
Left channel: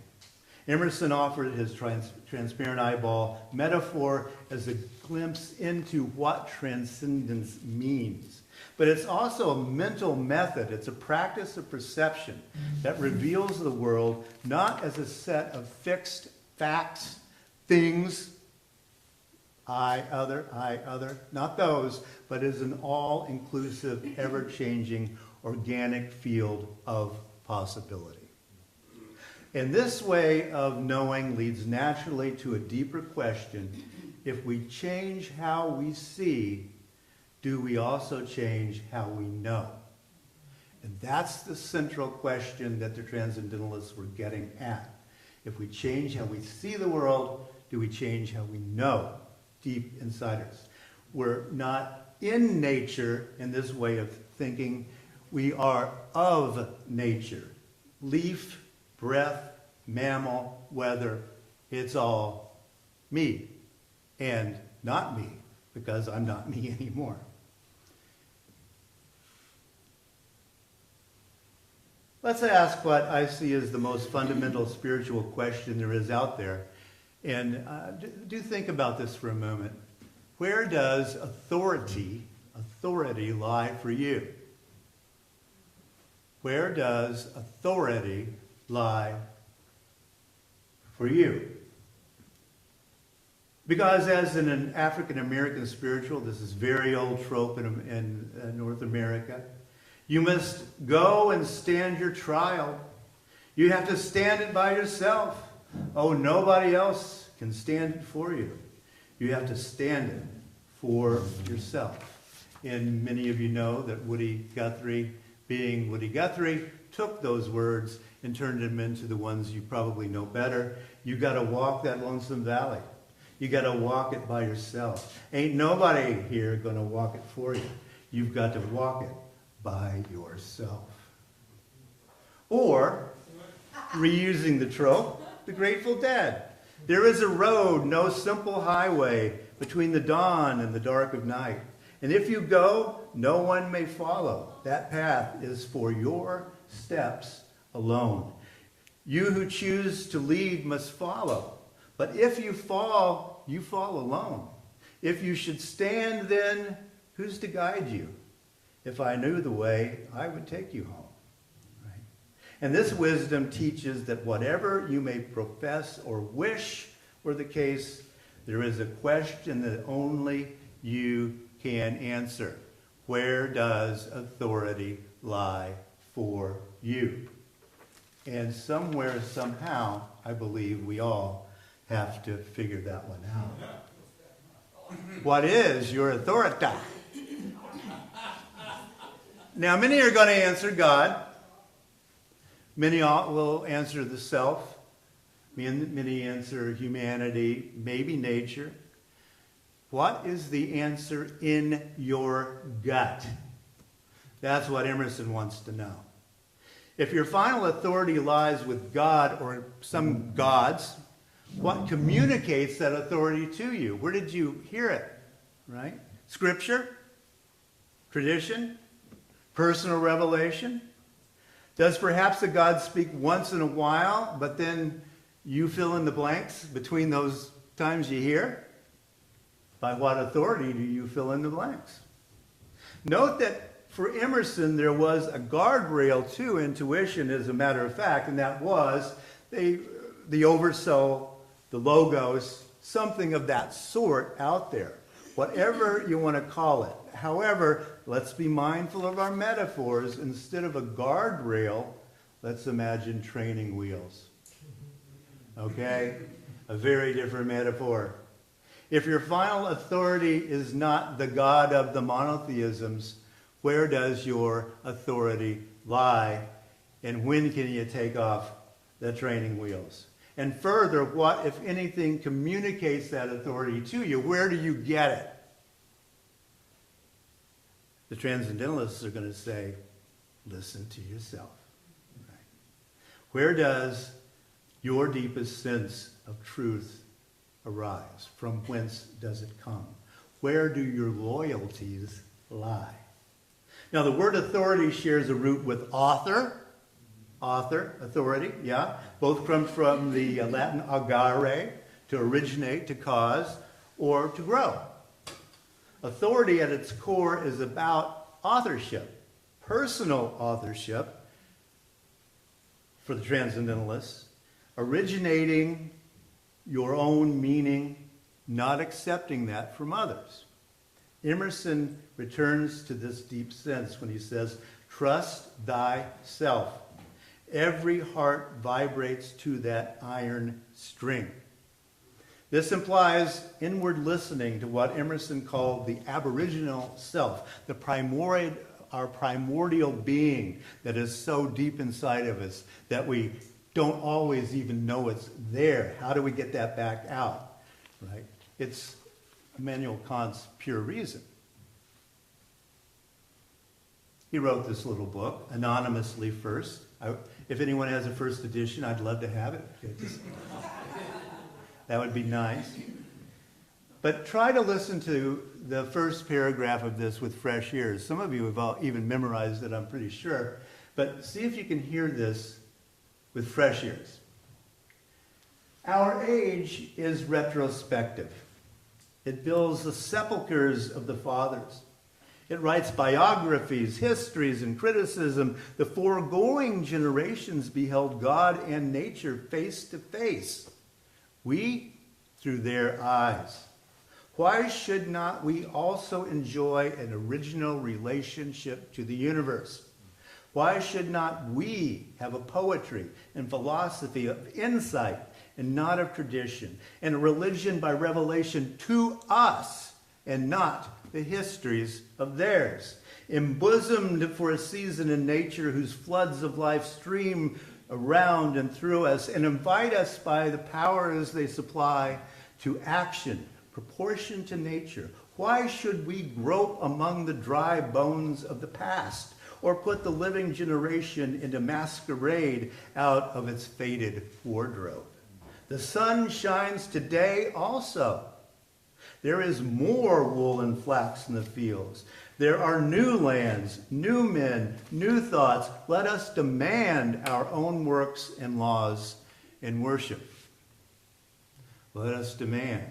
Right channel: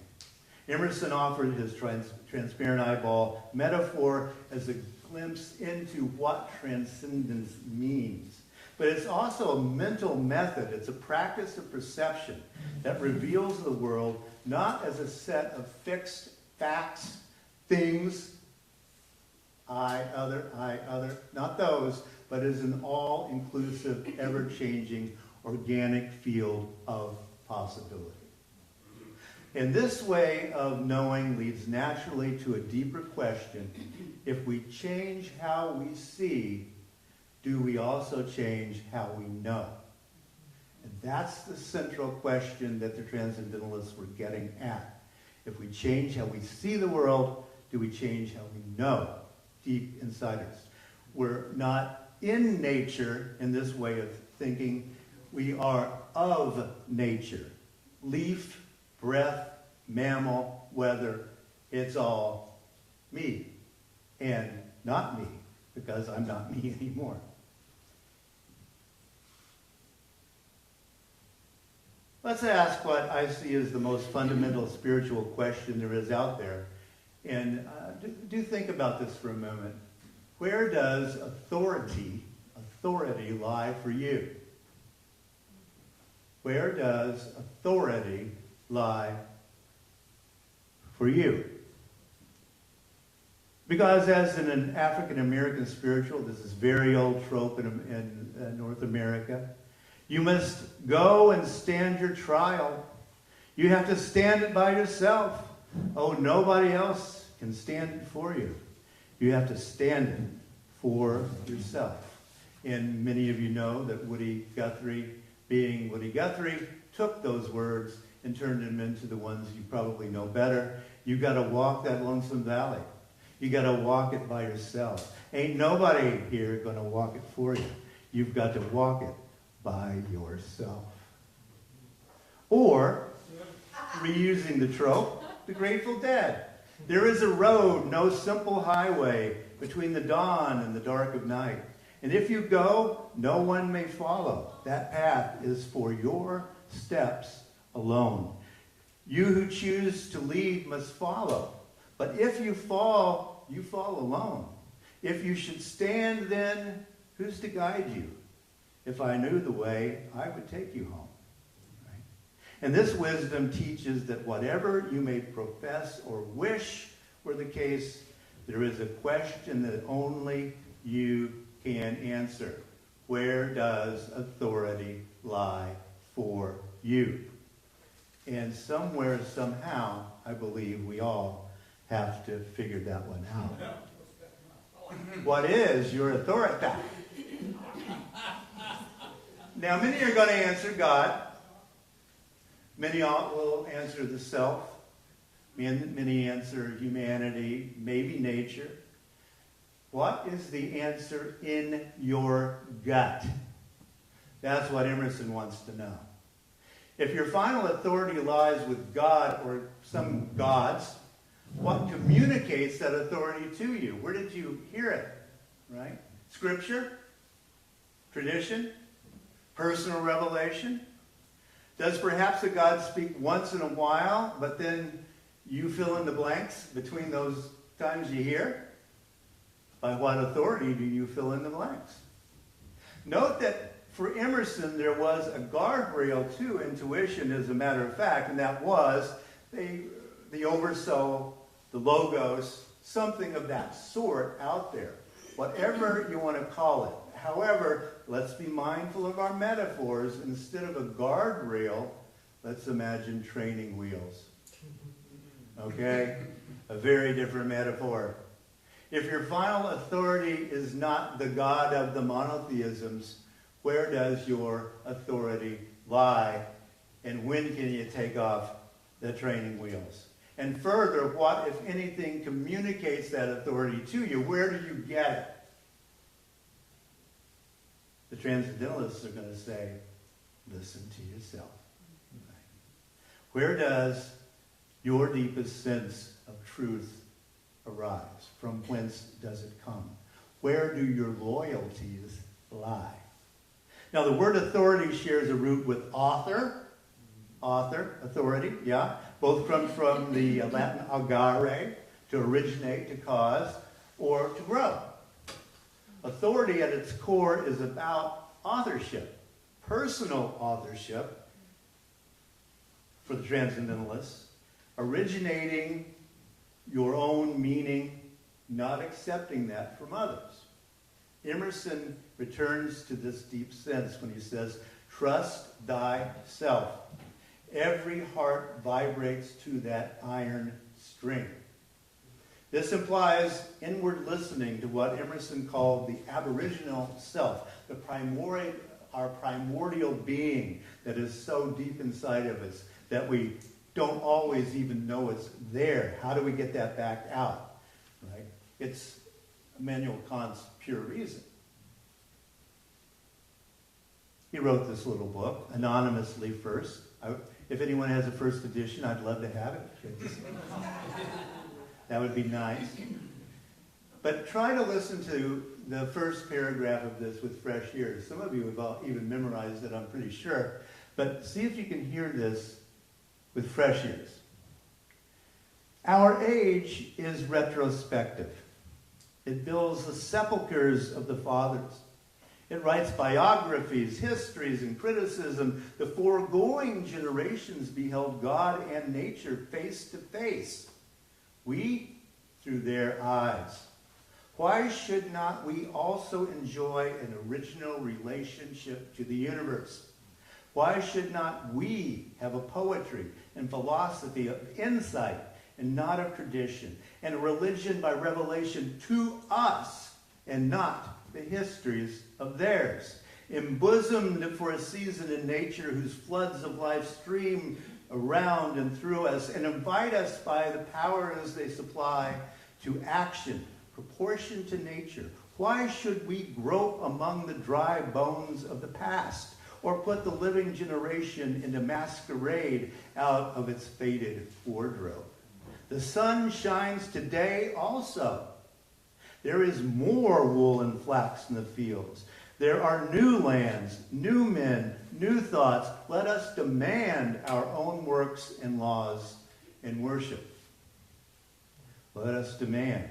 Emerson offered his transparent eyeball metaphor as a glimpse into what transcendence means. But it's also a mental method. It's a practice of perception that reveals the world not as a set of fixed facts, things, I, other, not those, but as an all-inclusive, ever-changing, organic field of possibility. And this way of knowing leads naturally to a deeper question. If we change how we see, do we also change how we know? And that's the central question that the Transcendentalists were getting at. If we change how we see the world, do we change how we know deep inside us? We're not in nature in this way of thinking. We are of nature. Leaf, breath, mammal, weather, it's all me. And not me, because I'm not me anymore. Let's ask what I see as the most fundamental spiritual question there is out there. And do think about this for a moment. Where does authority lie for you? Where does authority lie for you? Because as an African-American spiritual, this is very old trope in North America, you must go and stand your trial. You have to stand it by yourself. Oh, nobody else can stand it for you. You have to stand it for yourself. And many of you know that Woody Guthrie, being Woody Guthrie, took those words and turned them into the ones you probably know better. You got to walk that lonesome valley. You got to walk it by yourself. Ain't nobody here going to walk it for you. You've got to walk it by yourself. Or, reusing the trope, the Grateful Dead. There is a road, no simple highway, between the dawn and the dark of night. And if you go, no one may follow. That path is for your steps alone. You who choose to lead must follow. But if you fall alone. If you should stand, then who's to guide you? If I knew the way, I would take you home. Right? And this wisdom teaches that whatever you may profess or wish were the case, there is a question that only you can answer. Where does authority lie for you? And somewhere, somehow, I believe we all have to figure that one out. What is your authority? Now, many are going to answer God. Many will answer the self. Many answer humanity, maybe nature. What is the answer in your gut? That's what Emerson wants to know. If your final authority lies with God or some gods, what communicates that authority to you? Where did you hear it? Right? Scripture? Tradition? Personal revelation? Does perhaps a God speak once in a while, but then you fill in the blanks between those times you hear? By what authority do you fill in the blanks? Note that for Emerson, there was a guardrail to intuition, as a matter of fact, and that was the oversoul, the logos, something of that sort out there. Whatever you want to call it. However, let's be mindful of our metaphors. Instead of a guardrail, let's imagine training wheels. Okay? A very different metaphor. If your final authority is not the God of the monotheisms, where does your authority lie? And when can you take off the training wheels? And further, what, if anything, communicates that authority to you? Where do you get it? The Transcendentalists are going to say, listen to yourself. Right. Where does your deepest sense of truth arise? From whence does it come? Where do your loyalties lie? Now, the word authority shares a root with author, authority, yeah. Both come from the Latin agere, to originate, to cause, or to grow. Authority at its core is about authorship, personal authorship for the Transcendentalists, originating your own meaning, not accepting that from others. Emerson returns to this deep sense when he says, trust thyself. Every heart vibrates to that iron string. This implies inward listening to what Emerson called the aboriginal self, our primordial being that is so deep inside of us that we don't always even know it's there. How do we get that back out? Right? It's Immanuel Kant's pure reason. He wrote this little book, anonymously first. If anyone has a first edition, I'd love to have it. That would be nice. But try to listen to the first paragraph of this with fresh ears. Some of you have all even memorized it, I'm pretty sure. But see if you can hear this with fresh ears. Our age is retrospective. It builds the sepulchres of the fathers. It writes biographies, histories, and criticism. The foregoing generations beheld God and nature face to face. We, through their eyes. Why should not we also enjoy an original relationship to the universe? Why should not we have a poetry and philosophy of insight and not of tradition, and a religion by revelation to us and not the histories of theirs, embosomed for a season in nature whose floods of life stream around and through us and invite us by the powers they supply to action, proportion to nature? Why should we grope among the dry bones of the past? or put the living generation into masquerade out of its faded wardrobe. The sun shines today also. There is more wool and flax in the fields. There are new lands, new men, new thoughts. Let us demand our own works and laws in worship. Let us demand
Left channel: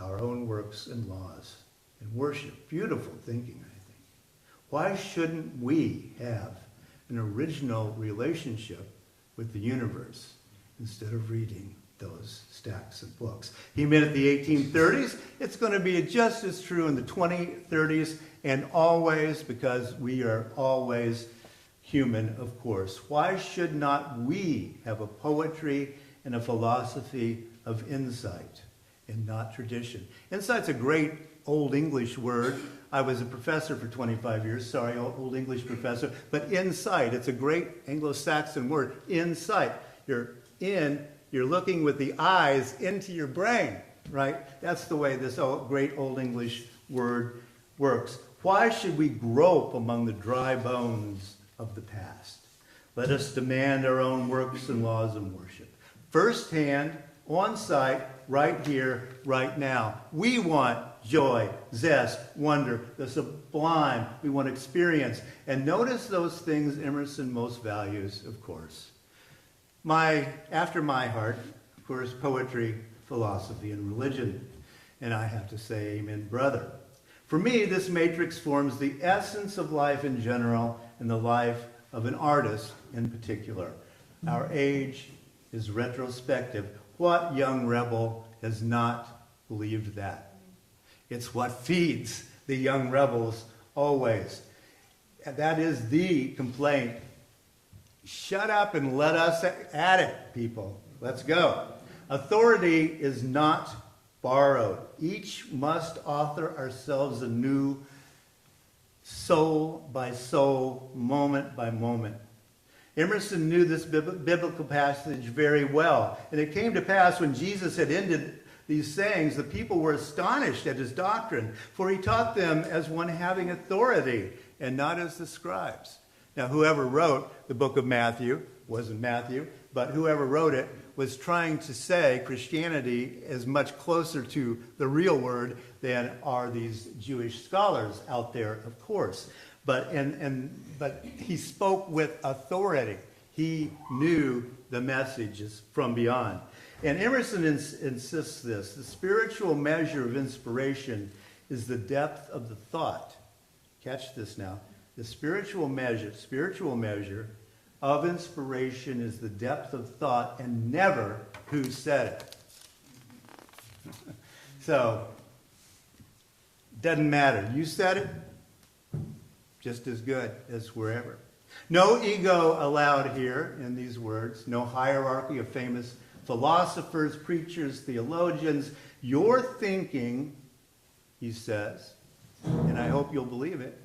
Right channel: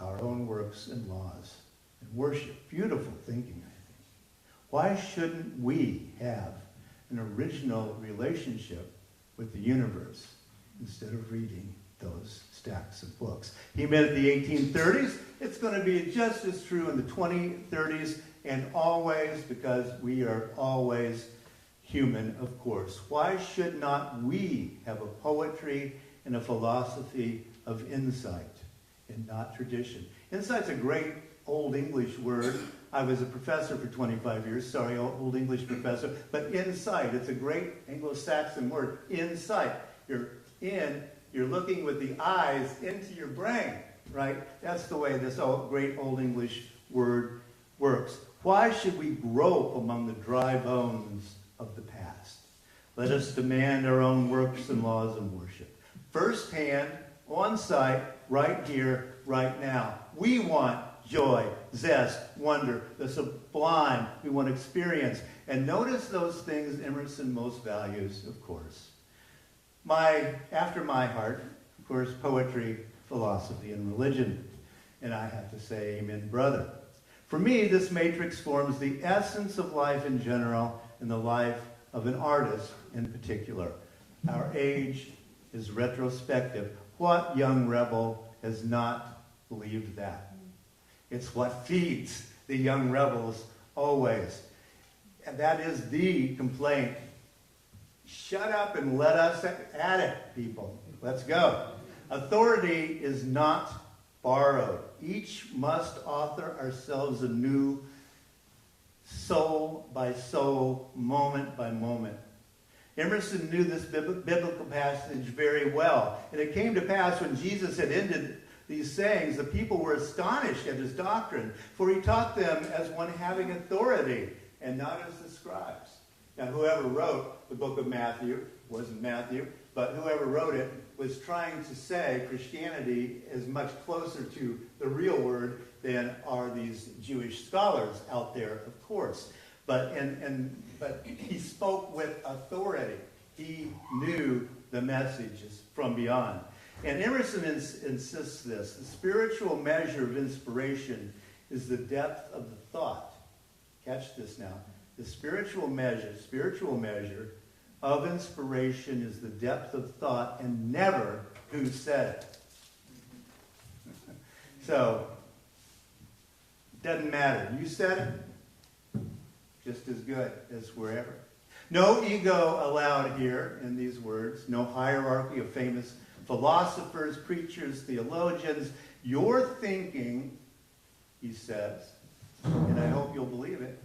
our own works and laws in worship. Beautiful thinking, I think. Why shouldn't we have an original relationship with the universe instead of reading those stacks of books? He meant the 1830s. It's going to be just as true in the 2030s and always, because we are always human, of course. Why should not we have a poetry and a philosophy of insight and not tradition? Insight's a great Old English word. I was a professor for 25 years. Sorry, Old English professor. But insight, it's a great Anglo-Saxon word. Insight. You're looking with the eyes into your brain, right? That's the way this great Old English word works. Why should we grope among the dry bones of the past? Let us demand our own works and laws in worship. Firsthand, on site, right here, right now. We want joy, zest, wonder, the sublime. We want experience. And notice those things Emerson most values, of course. After my heart, of course, poetry, philosophy, and religion. And I have to say, amen, brother. For me, this matrix forms the essence of life in general and the life of an artist in particular. Our age is retrospective. What young rebel has not believed that? It's what feeds the young rebels always. And that is the complaint. Shut up and let us at it, people. Let's go. Authority is not borrowed. Each must author ourselves anew, soul by soul, moment by moment. Emerson knew this biblical passage very well. And it came to pass when Jesus had ended these sayings, the people were astonished at his doctrine, for he taught them as one having authority and not as the scribes. Now, whoever wrote the book of Matthew, wasn't Matthew, but whoever wrote it was trying to say Christianity is much closer to the real word than are these Jewish scholars out there, of course. But he spoke with authority. He knew the messages from beyond. And Emerson insists this: the spiritual measure of inspiration is the depth of the thought. Catch this now. The spiritual measure of inspiration is the depth of thought, and never who said it. So, doesn't matter. You said it, just as good as wherever. No ego allowed here in these words. No hierarchy of famous philosophers, preachers, theologians. Your thinking, he says, and I hope you'll believe it,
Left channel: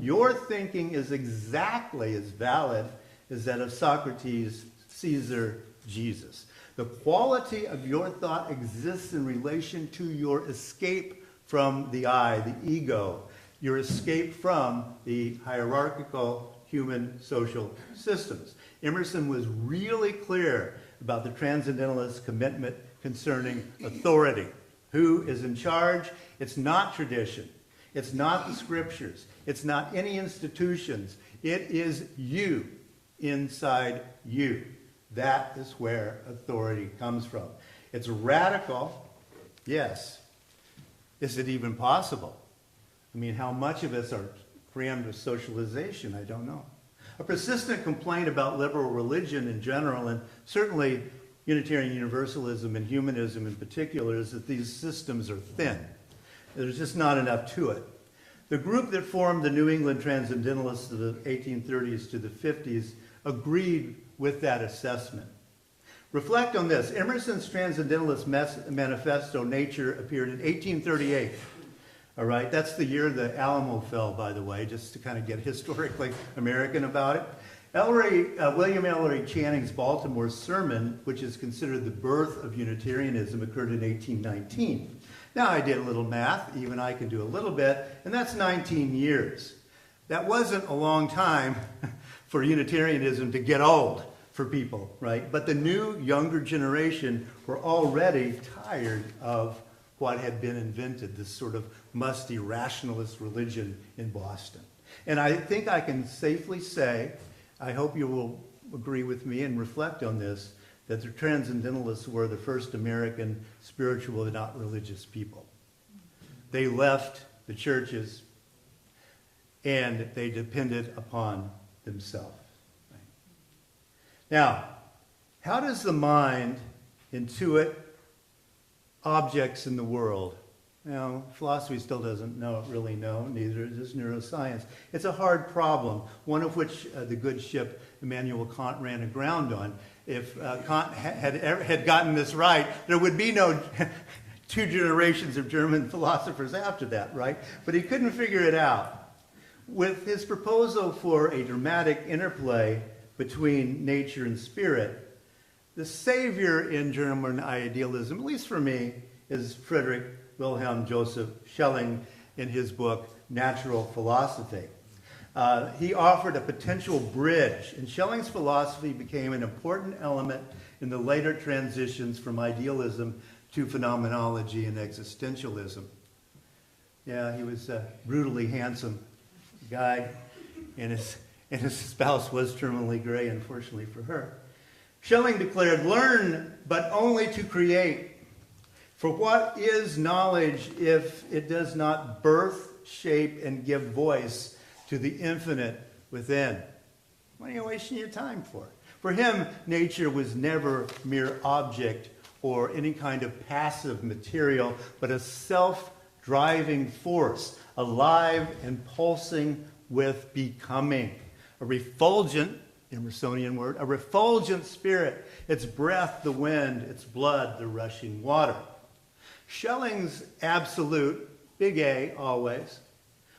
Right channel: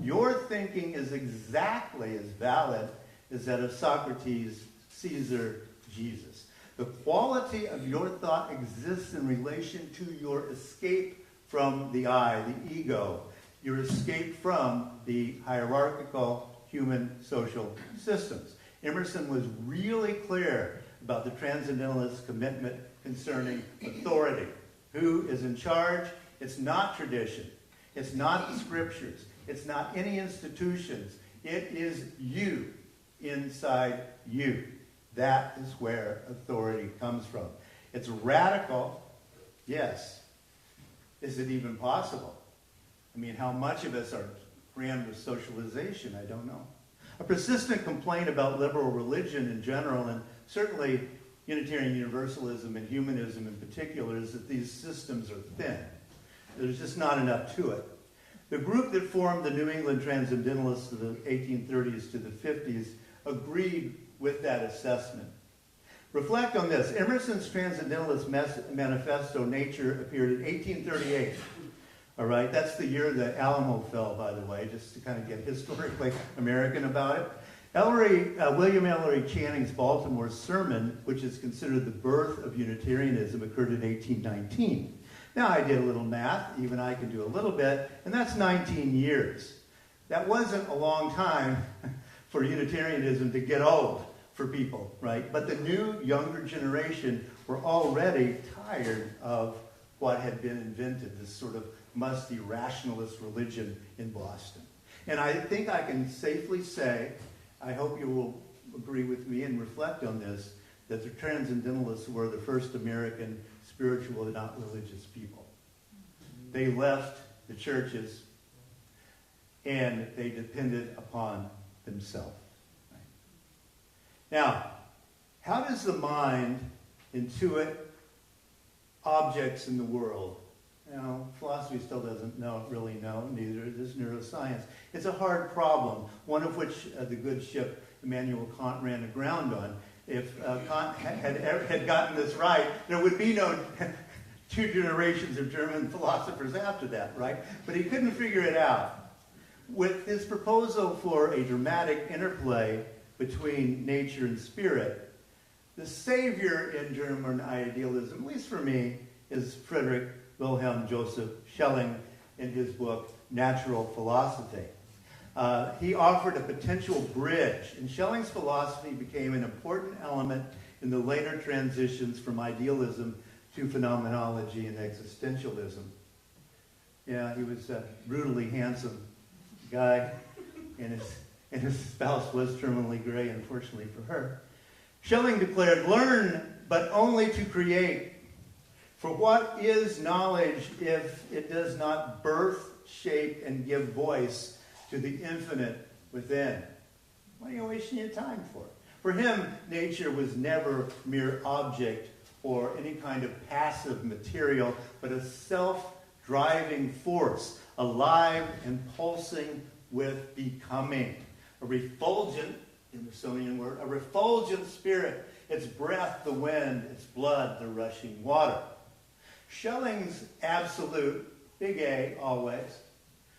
your thinking is exactly as valid as that of Socrates, Caesar, Jesus. The quality of your thought exists in relation to your escape from the I, the ego, your escape from the hierarchical human social systems. Emerson was really clear about the transcendentalist commitment concerning authority. Who is in charge? It's not tradition. It's not the scriptures. It's not any institutions. It is you, inside you. That is where authority comes from. It's radical, yes. Is it even possible? I mean, how much of us are crammed with socialization? I don't know. A persistent complaint about liberal religion in general, and certainly Unitarian Universalism and humanism in particular, is that these systems are thin. There's just not enough to it. The group that formed the New England Transcendentalists of the 1830s to the 50s agreed with that assessment. Reflect on this. Emerson's Transcendentalist Manifesto, Nature, appeared in 1838. All right, that's the year the Alamo fell, by the way, just to kind of get historically American about it. William Ellery Channing's Baltimore Sermon, which is considered the birth of Unitarianism, occurred in 1819. Now, I did a little math, even I can do a little bit, and that's 19 years. that wasn't a long time for Unitarianism to get old for people, right? But the new, younger generation were already tired of what had been invented, this sort of musty rationalist religion in Boston. And I think I can safely say, I hope you will agree with me and reflect on this, that the Transcendentalists were the first American spiritual and not religious people. They left the churches and they depended upon themselves. Now, how does the mind intuit objects in the world? Now, philosophy still doesn't really know, neither does neuroscience. It's a hard problem, one of which the good ship Immanuel Kant ran aground on. If Kant had gotten this right, there would be no 2 generations of German philosophers after that, right? But he couldn't figure it out. With his proposal for a dramatic interplay between nature and spirit, the savior in German idealism, at least for me, is Friedrich Wilhelm Joseph Schelling in his book, Natural Philosophy. He offered a potential bridge, and Schelling's philosophy became an important element in the later transitions from idealism to phenomenology and existentialism. Yeah, he was a brutally handsome guy, and his spouse was terminally gray, unfortunately for her. Schelling declared, "Learn, but only to create. For what is knowledge if it does not birth, shape, and give voice to the infinite within?" What are you wasting your time for? For him, nature was never mere object or any kind of passive material, but a self-driving force, alive and pulsing with becoming. A refulgent, Emersonian word, a refulgent spirit, its breath the wind, its blood the rushing water. Schelling's absolute, big A always,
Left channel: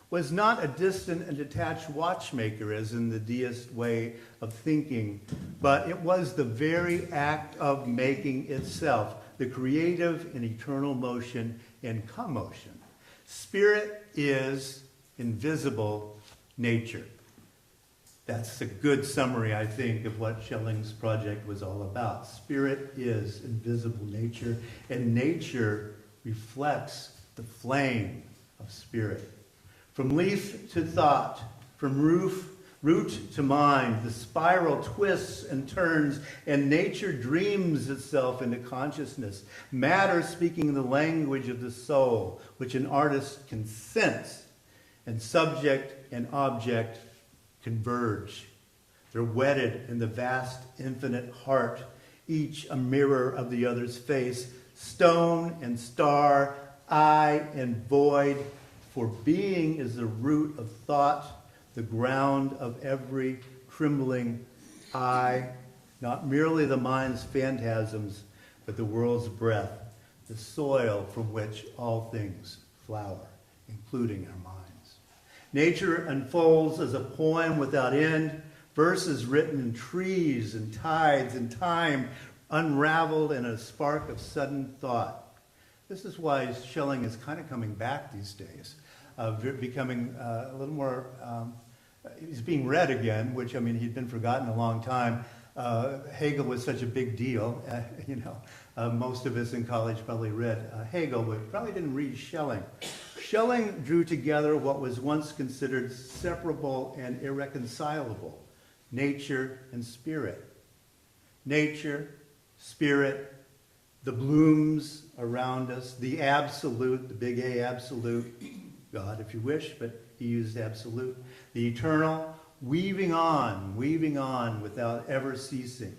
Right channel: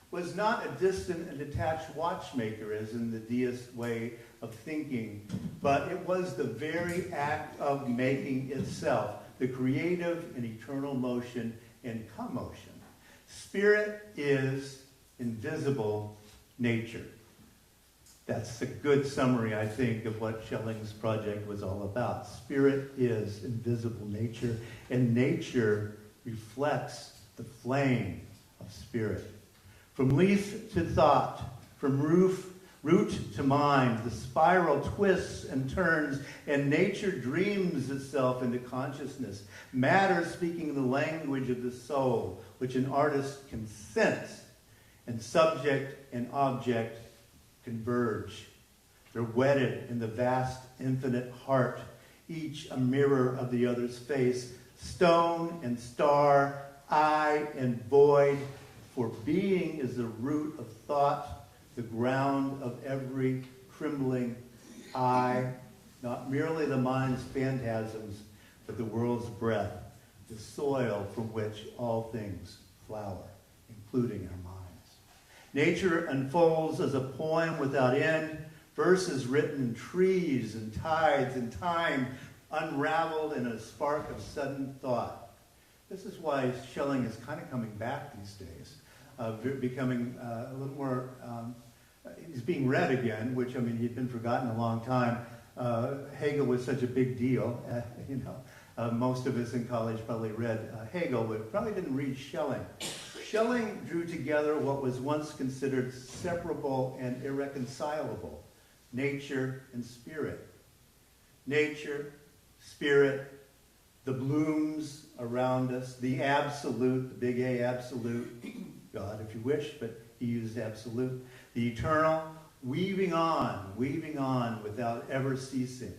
was not a distant and detached watchmaker as in the deist way of thinking, but it was the very act of making itself, the creative and eternal motion and commotion. Spirit is invisible nature. That's a good summary, I think, of what Schelling's project was all about. Spirit is invisible nature, and nature reflects the flame of spirit. From leaf to thought, from root to mind, the spiral twists and turns, and nature dreams itself into consciousness. Matter speaking the language of the soul, which an artist can sense, and subject and object converge. They're wedded in the vast infinite heart, each a mirror of the other's face, stone and star, eye and void, for being is the root of thought, the ground of every trembling eye, not merely the mind's phantasms, but the world's breath, the soil from which all things flower, including our minds. Nature unfolds as a poem without end, verses written in trees and tides and time, unraveled in a spark of sudden thought. This is why Schelling is kind of coming back these days, becoming a little more, he's being read again, which, I mean, he'd been forgotten a long time. Hegel was such a big deal, most of us in college probably read Hegel, but probably didn't read Schelling. Schelling drew together what was once considered separable and irreconcilable, nature and spirit. Nature, spirit, the blooms around us, the absolute, the big A absolute, God if you wish, but he used absolute, the eternal, weaving on without ever ceasing.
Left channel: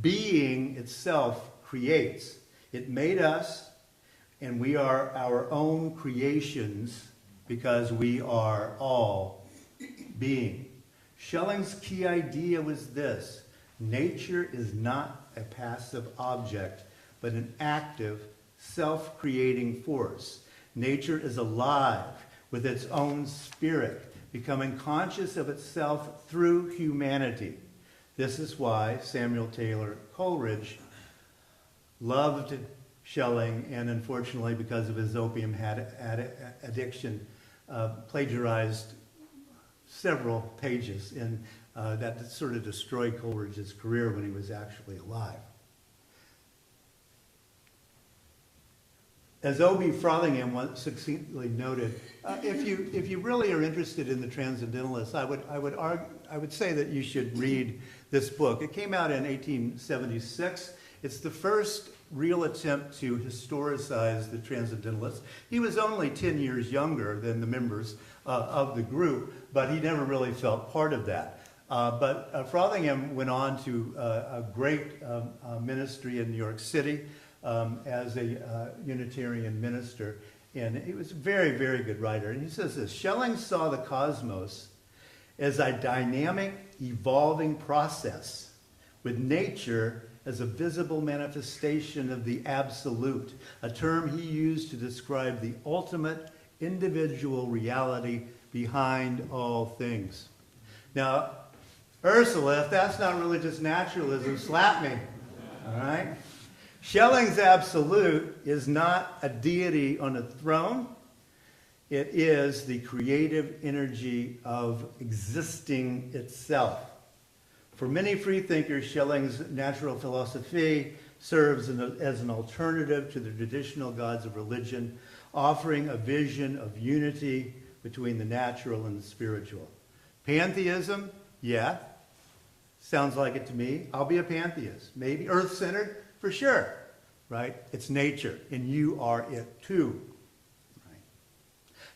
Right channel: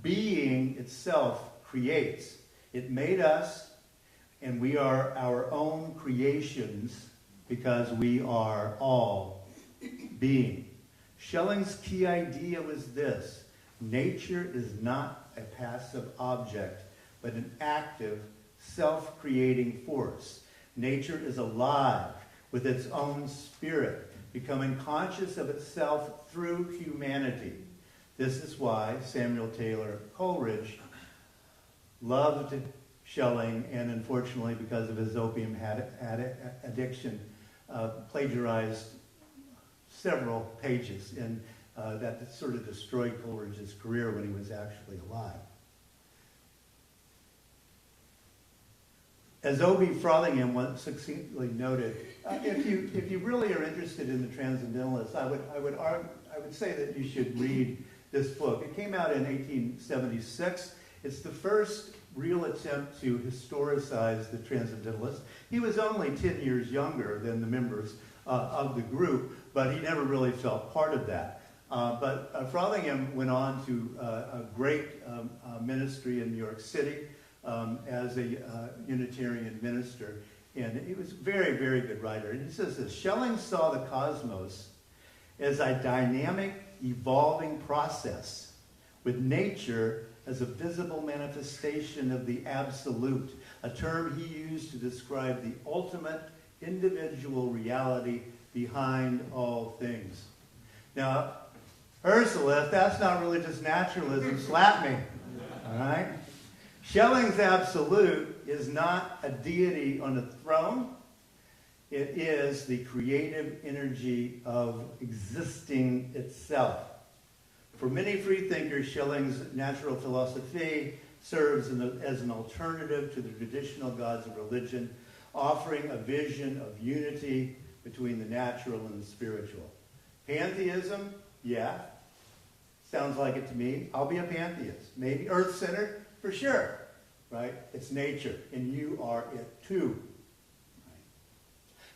Being itself creates. It made us, and we are our own creations because we are all being. Schelling's key idea was this: nature is not a passive object, but an active, self-creating force. Nature is alive with its own spirit, becoming conscious of itself through humanity. This is why Samuel Taylor Coleridge loved Schelling, and unfortunately, because of his opium addiction, plagiarized several pages, and that sort of destroyed Coleridge's career when he was actually alive. As O.B. Frothingham once succinctly noted, if you really are interested in the Transcendentalists, I would say that you should read this book. It came out in 1876. It's the first real attempt to historicize the Transcendentalists. He was only 10 years younger than the members of the group, but he never really felt part of that. But Frothingham went on to a great ministry in New York City as a Unitarian minister, and he was a very, very good writer. And he says this: Schelling saw the cosmos as a dynamic, evolving process, with nature as a visible manifestation of the absolute, a term he used to describe the ultimate individual reality behind all things. Now, Ursula, if that's not religious naturalism, slap me. All right? Schelling's absolute is not a deity on a throne. It is the creative energy of existing itself. For many freethinkers, Schelling's natural philosophy serves as an alternative to the traditional gods of religion, offering a vision of unity between the natural and the spiritual. Pantheism, yeah, sounds like it to me. I'll be a pantheist. Maybe earth-centered, for sure, right? It's nature, and you are it too. Right?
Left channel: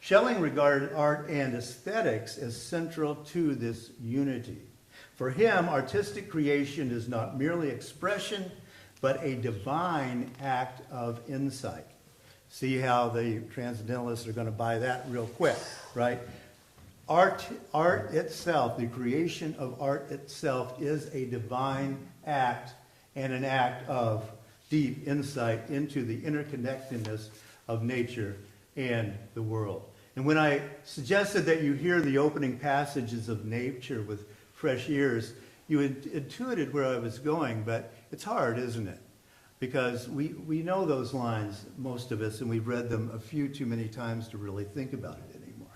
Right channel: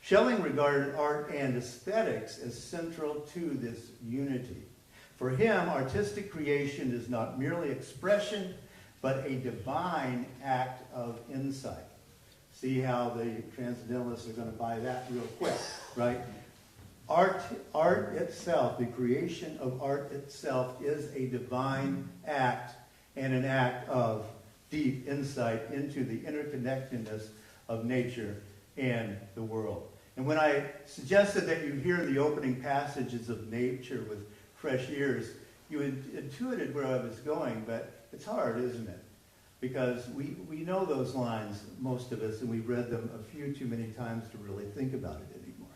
Schelling regarded art and aesthetics as central to this unity. For him, artistic creation is not merely expression, but a divine act of insight. See how the Transcendentalists are going to buy that real quick, right? Art itself, the creation of art itself, is a divine act and an act of deep insight into the interconnectedness of nature and the world. And when I suggested that you hear the opening passages of nature with fresh ears, you intuited where I was going, but it's hard, isn't it? Because we know those lines, most of us, and we've read them a few too many times to really think about it anymore.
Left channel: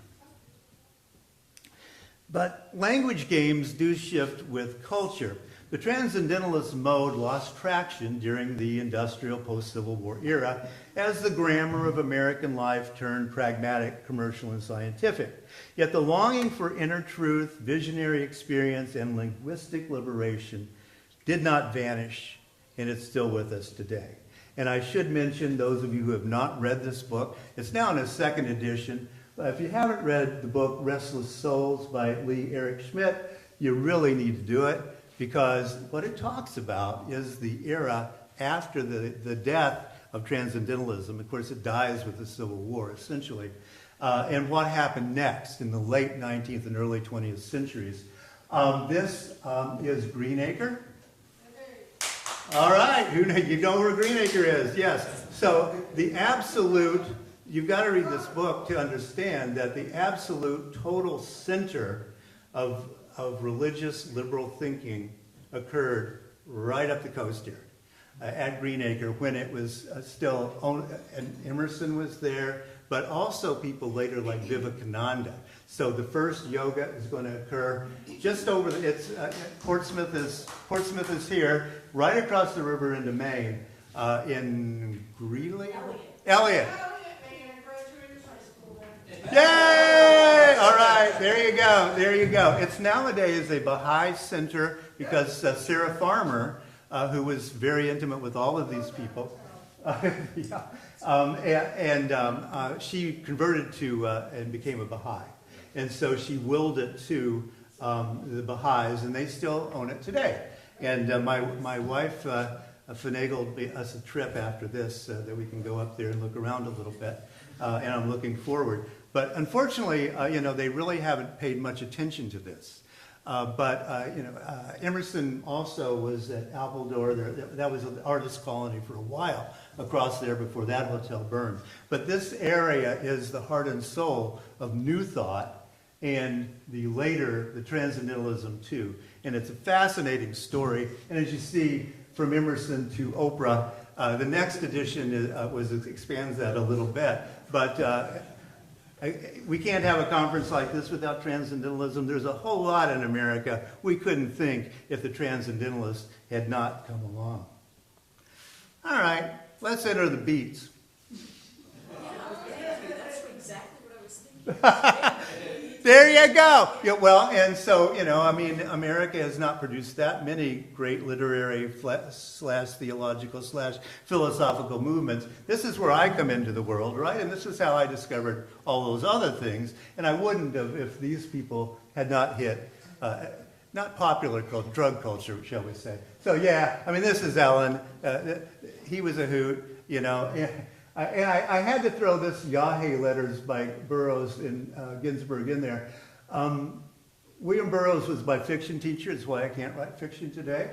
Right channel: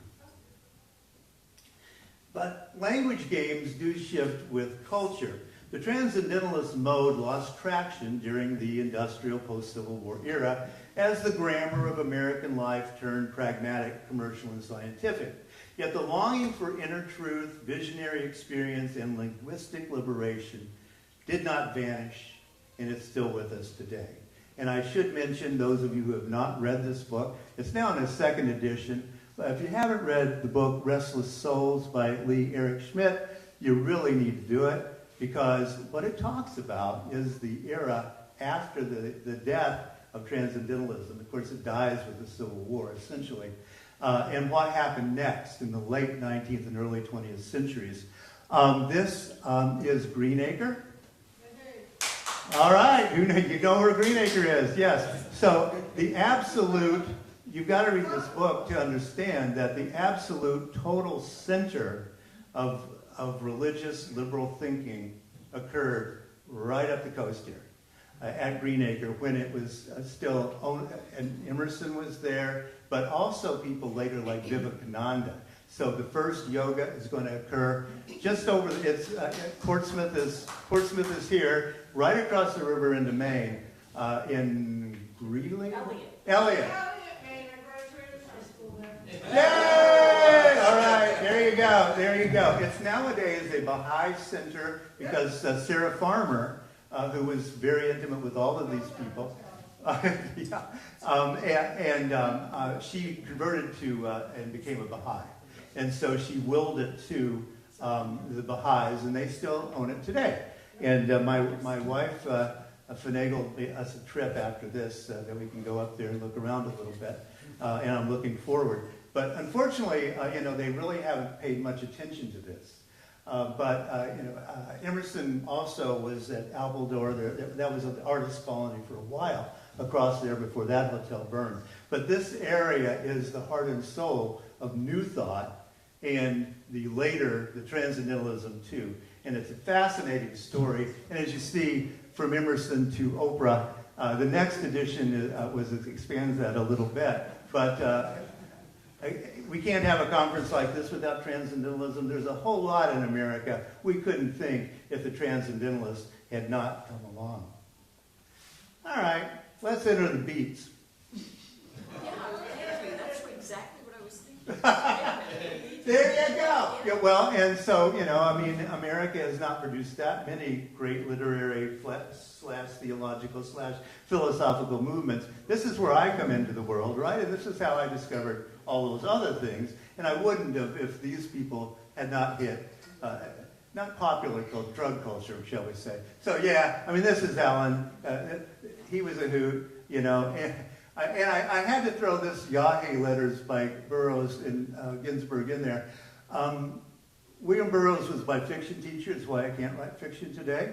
But language games do shift with culture. The Transcendentalist mode lost traction during the industrial post-Civil War era as the grammar of American life turned pragmatic, commercial, and scientific. Yet the longing for inner truth, visionary experience, and linguistic liberation did not vanish, and it's still with us today. And I should mention, those of you who have not read this book, it's now in its second edition. If you haven't read the book Restless Souls by Lee Eric Schmidt, you really need to do it, because what it talks about is the era after the death of Transcendentalism. Of course, it dies with the Civil War, essentially. And what happened next in the late 19th and early 20th centuries. This is Greenacre. All right, you know where Greenacre is, yes. So the absolute, you've got to read this book to understand that the absolute total center of religious liberal thinking occurred right up the coast here at Greenacre, when it was still owned, and Emerson was there, but also people later like Vivekananda. So the first yoga is going to occur just over, Portsmouth is here, right across the river into Maine, in Greeley? Elliott. Yay! All right, there you go, there you go. It's nowadays a Baha'i center because Sarah Farmer, who was very intimate with all of these people, she converted to and became a Baha'i. And so she willed it to the Baha'is, and they still own it today. And my wife finagled us a trip after this that we can go up there and look around a little bit, and I'm looking forward. But unfortunately, they really haven't paid much attention to this. Emerson also was at Appledore. That was an artist colony for a while across there before that hotel burned. But this area is the heart and soul of New Thought, and the Transcendentalism too. And it's a fascinating story. And as you see, from Emerson to Oprah, the next edition expands that a little bit. But We can't have a conference like this without transcendentalism. There's a whole lot in America we couldn't think if the transcendentalists had not come along. All right, let's enter the beats. Yeah, that's exactly what I was thinking. There you go. Yeah, well, and so, I mean, America has not produced that many great literary slash theological slash philosophical movements. This is where I come into the world, right? And this is how I discovered all those other things. And I wouldn't have if these people had not hit, not popular drug culture, shall we say. So, yeah, I mean, this is Alan. He was a hoot, And I had to throw this Yahweh letters by Burroughs and Ginsberg in there. William Burroughs was my fiction teacher. That's why I can't write fiction today.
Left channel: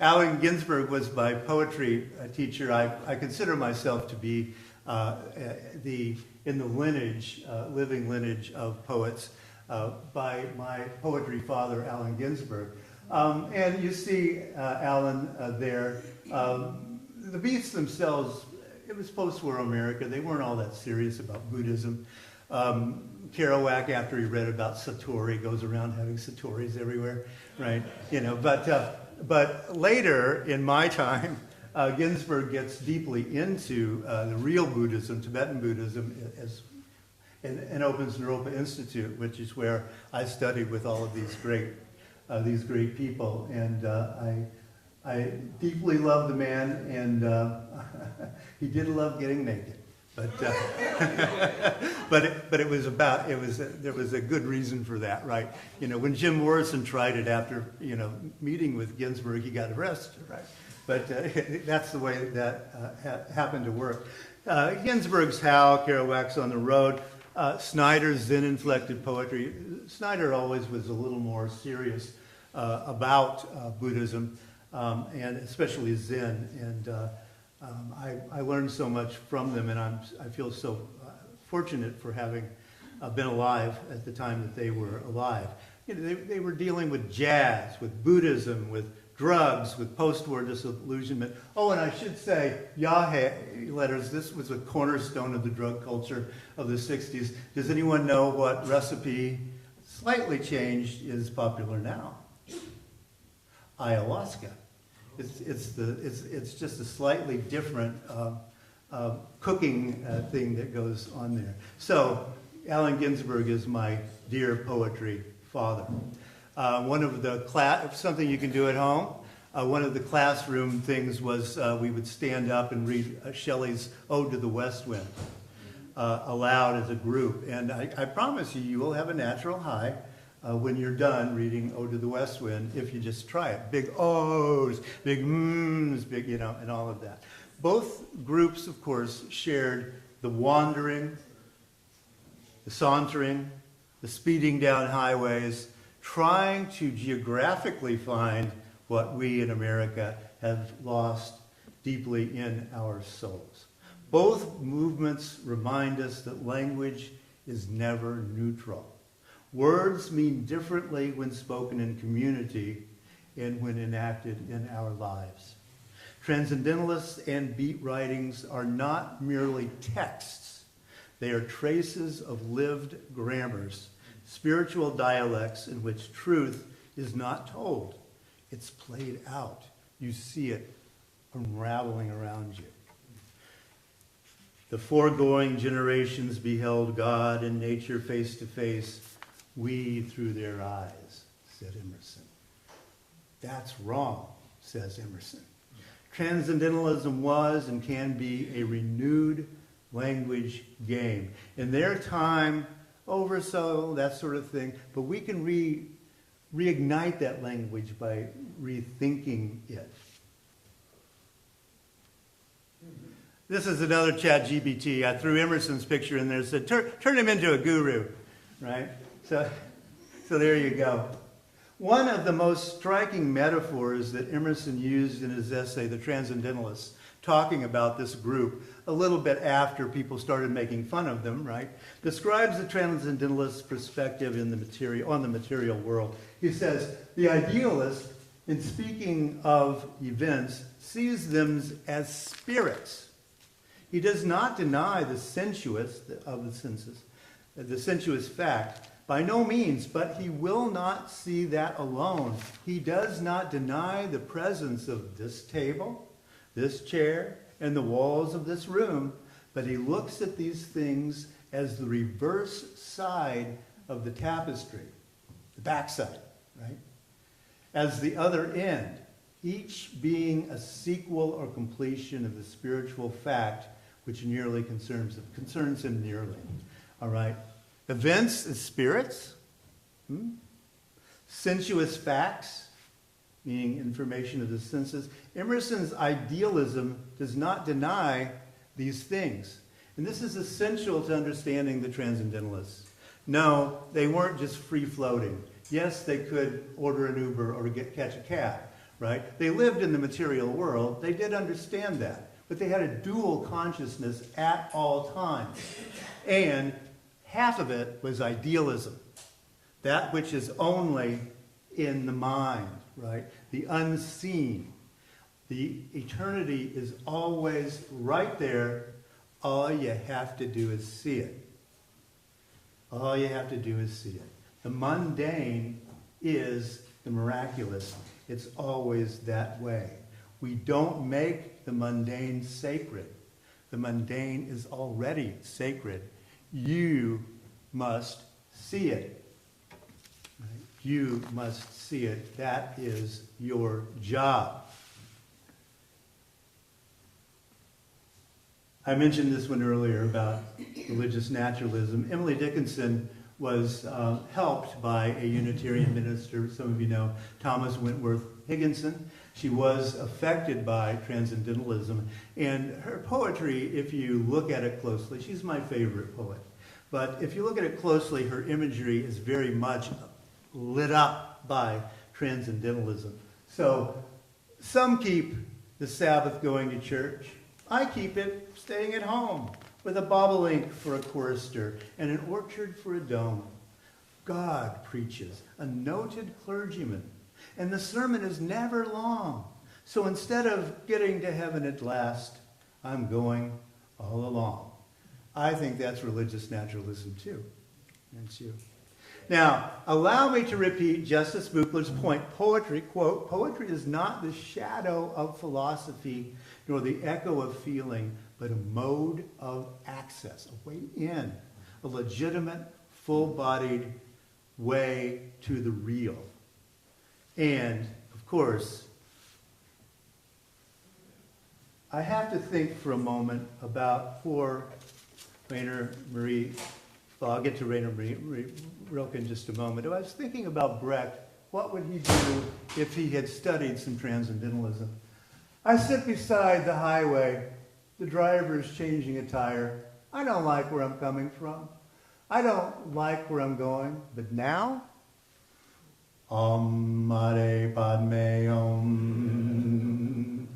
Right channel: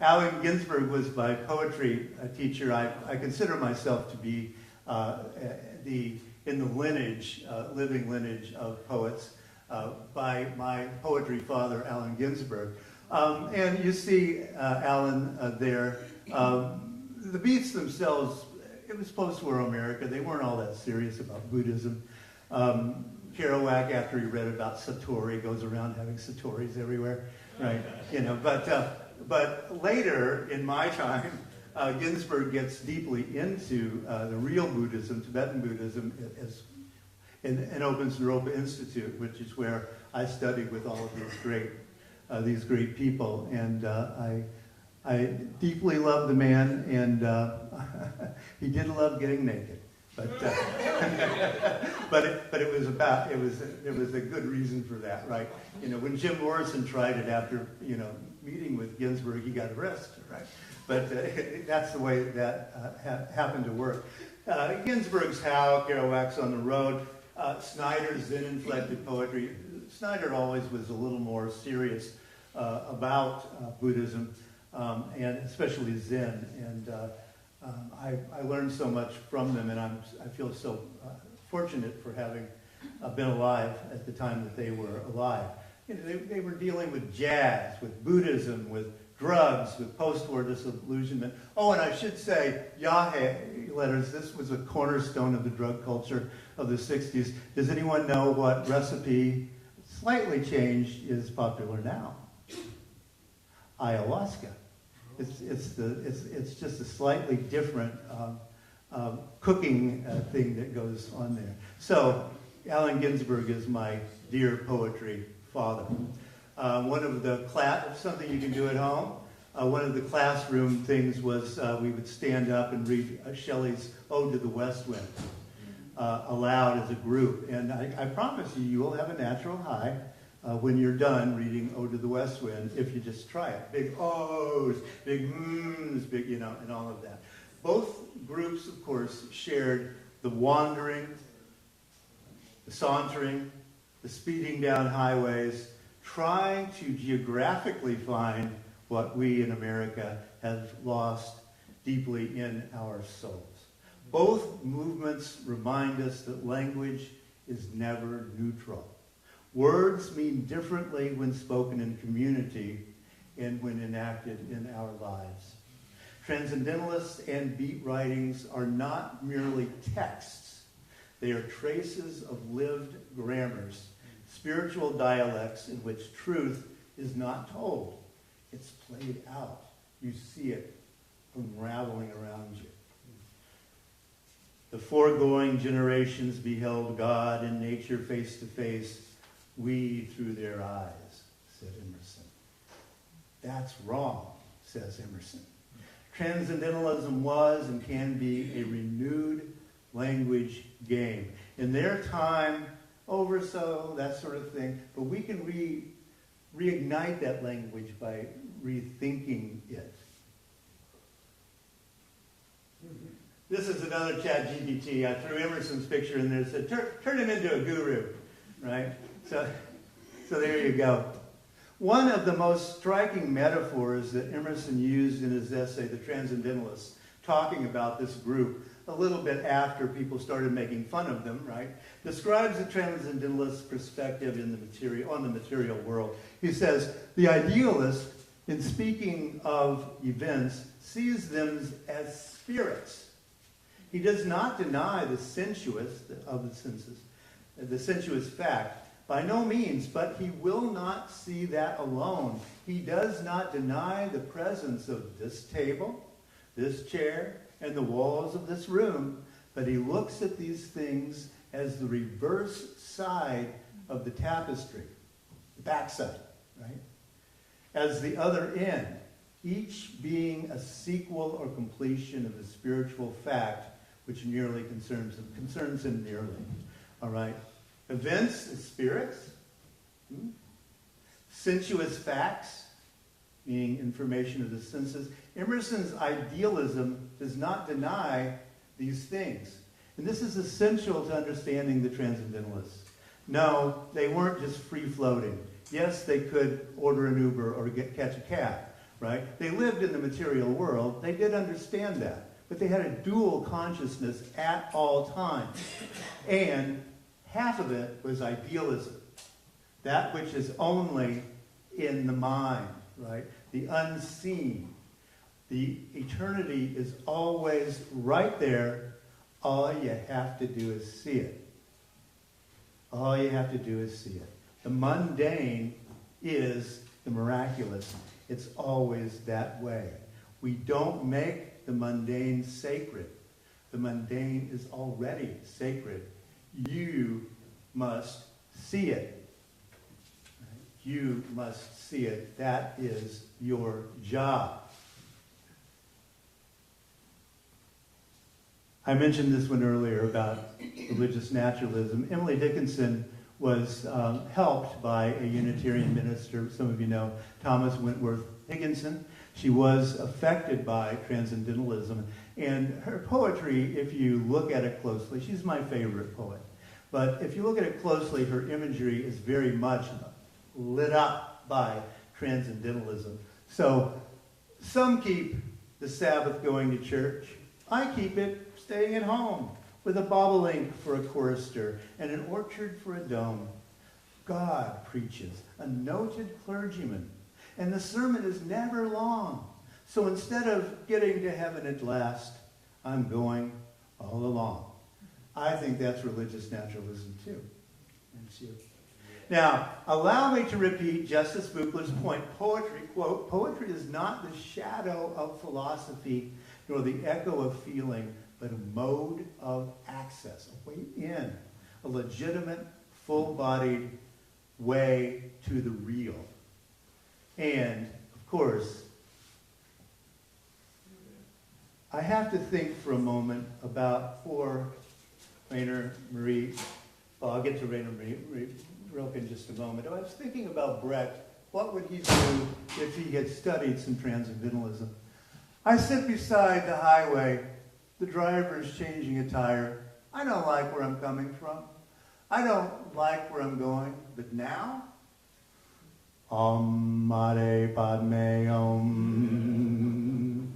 Allen Ginsberg was my poetry teacher. I consider myself to be in the lineage, living lineage of poets by my poetry father, Allen Ginsberg. And you see Allen there. The beats themselves, it was post-war America. They weren't all that serious about Buddhism. Kerouac, after he read about Satori, goes around having Satoris everywhere, right? But later in my time, Ginsberg gets deeply into the real Buddhism, Tibetan Buddhism, and opens Naropa Institute, which is where I studied with all of these great people, and I deeply love the man, and he did love getting naked, but there was a good reason for that, right? When Jim Morrison tried it after meeting with Ginsberg, he got arrested, right? But that's the way that happened to work. Ginsberg's How, Kerouac's On the Road, Snyder's Zen-inflected poetry. Snyder always was a little more serious about Buddhism. And especially Zen, and I learned so much from them, and I feel so fortunate for having been alive at the time that they were alive. They were dealing with jazz, with Buddhism, with drugs, with post-war disillusionment. Oh, and I should say, Yahweh letters, this was a cornerstone of the drug culture of the 60s. Does anyone know what recipe, slightly changed, is popular now? Ayahuasca. It's just a slightly different cooking thing that goes on there. So Allen Ginsberg is my dear poetry father. One of the something you can do at home. One of the classroom things was we would stand up and read Shelley's Ode to the West Wind aloud as a group, and I promise you will have a natural high. When you're done reading Ode to the West Wind, if you just try it. Big O's, big mms, big, and all of that. Both groups, of course, shared the wandering, the sauntering, the speeding down highways, trying to geographically find what we in America have lost deeply in our souls. Both movements remind us that language is never neutral. Words mean differently when spoken in community and when enacted in our lives. Transcendentalists and beat writings are not merely texts. They are traces of lived grammars, spiritual dialects in which truth is not told. It's played out. You see it unraveling around you. The foregoing generations beheld God and nature face to face. We through their eyes, said Emerson. That's wrong, says Emerson. Transcendentalism was and can be a renewed language game. In their time, oversoul, that sort of thing, but we can reignite that language by rethinking it. This is another ChatGPT. I threw Emerson's picture in there and said, turn him into a guru, right? So there you go. One of the most striking metaphors that Emerson used in his essay, The Transcendentalists, talking about this group a little bit after people started making fun of them, right, describes the Transcendentalist perspective on the material world. He says, the idealist, in speaking of events, sees them as spirits. He does not deny the sensuous of the senses, the sensuous fact, by no means, but he will not see that alone. He does not deny the presence of this table, this chair, and the walls of this room, but he looks at these things as the reverse side of the tapestry, the backside, right? As the other end, each being a sequel or completion of the spiritual fact which nearly concerns him nearly. All right? Events and spirits, sensuous facts, meaning information of the senses. Emerson's idealism does not deny these things. And this is essential to understanding the Transcendentalists. No, they weren't just free-floating. Yes, they could order an Uber or catch a cab, right? They lived in the material world. They did understand that. But they had a dual consciousness at all times. And half of it was idealism. That which is only in the mind, right? The unseen. The eternity is always right there. All you have to do is see it. All you have to do is see it. The mundane is the miraculous. It's always that way. We don't make the mundane sacred. The mundane is already sacred. You must see it. You must see it. That is your job. I mentioned this one earlier about religious naturalism. Emily Dickinson was helped by a Unitarian minister, some of you know, Thomas Wentworth Higginson. She was affected by Transcendentalism, and her poetry, if you look at it closely, she's my favorite poet, but if you look at it closely, her imagery is very much lit up by Transcendentalism. So some keep the Sabbath going to church. I keep it staying at home with a bobolink for a chorister and an orchard for a dome. God preaches, a noted clergyman, and the sermon is never long. So instead of getting to heaven at last, I'm going all along. I think that's religious naturalism too. And it's you. Now, allow me to repeat Justice Buchler's point. Poetry, quote, poetry is not the shadow of philosophy nor the echo of feeling, but a mode of access, a way in, a legitimate, full-bodied way to the real. And, of course, I have to think for a moment about poor Rainer Maria. Well, I'll get to Rainer Maria Rilke in just a moment. I was thinking about Brecht. What would he do if he had studied some Transcendentalism? I sit beside the highway. The driver's changing a tire. I don't like where I'm coming from. I don't like where I'm going. But now, Om Mani Padme Om.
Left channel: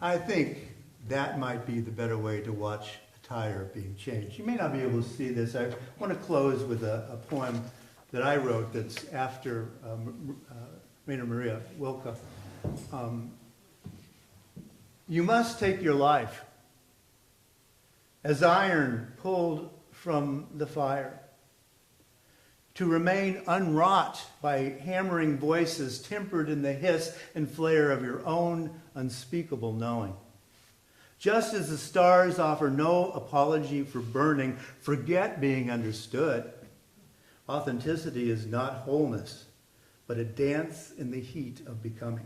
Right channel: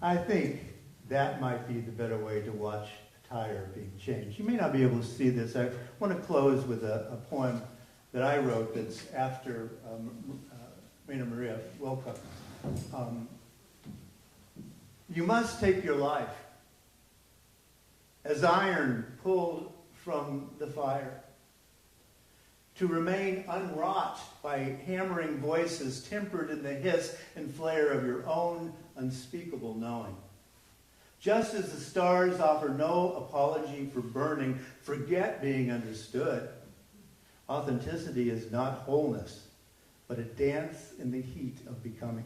I think that might be the better way to watch a tire being changed. You may not be able to see this. I want to close with a poem that I wrote that's after Rainer Maria Rilke. You must take your life as iron pulled from the fire, to remain unwrought by hammering voices tempered in the hiss and flare of your own unspeakable knowing. Just as the stars offer no apology for burning, forget being understood. Authenticity is not wholeness, but a dance in the heat of becoming.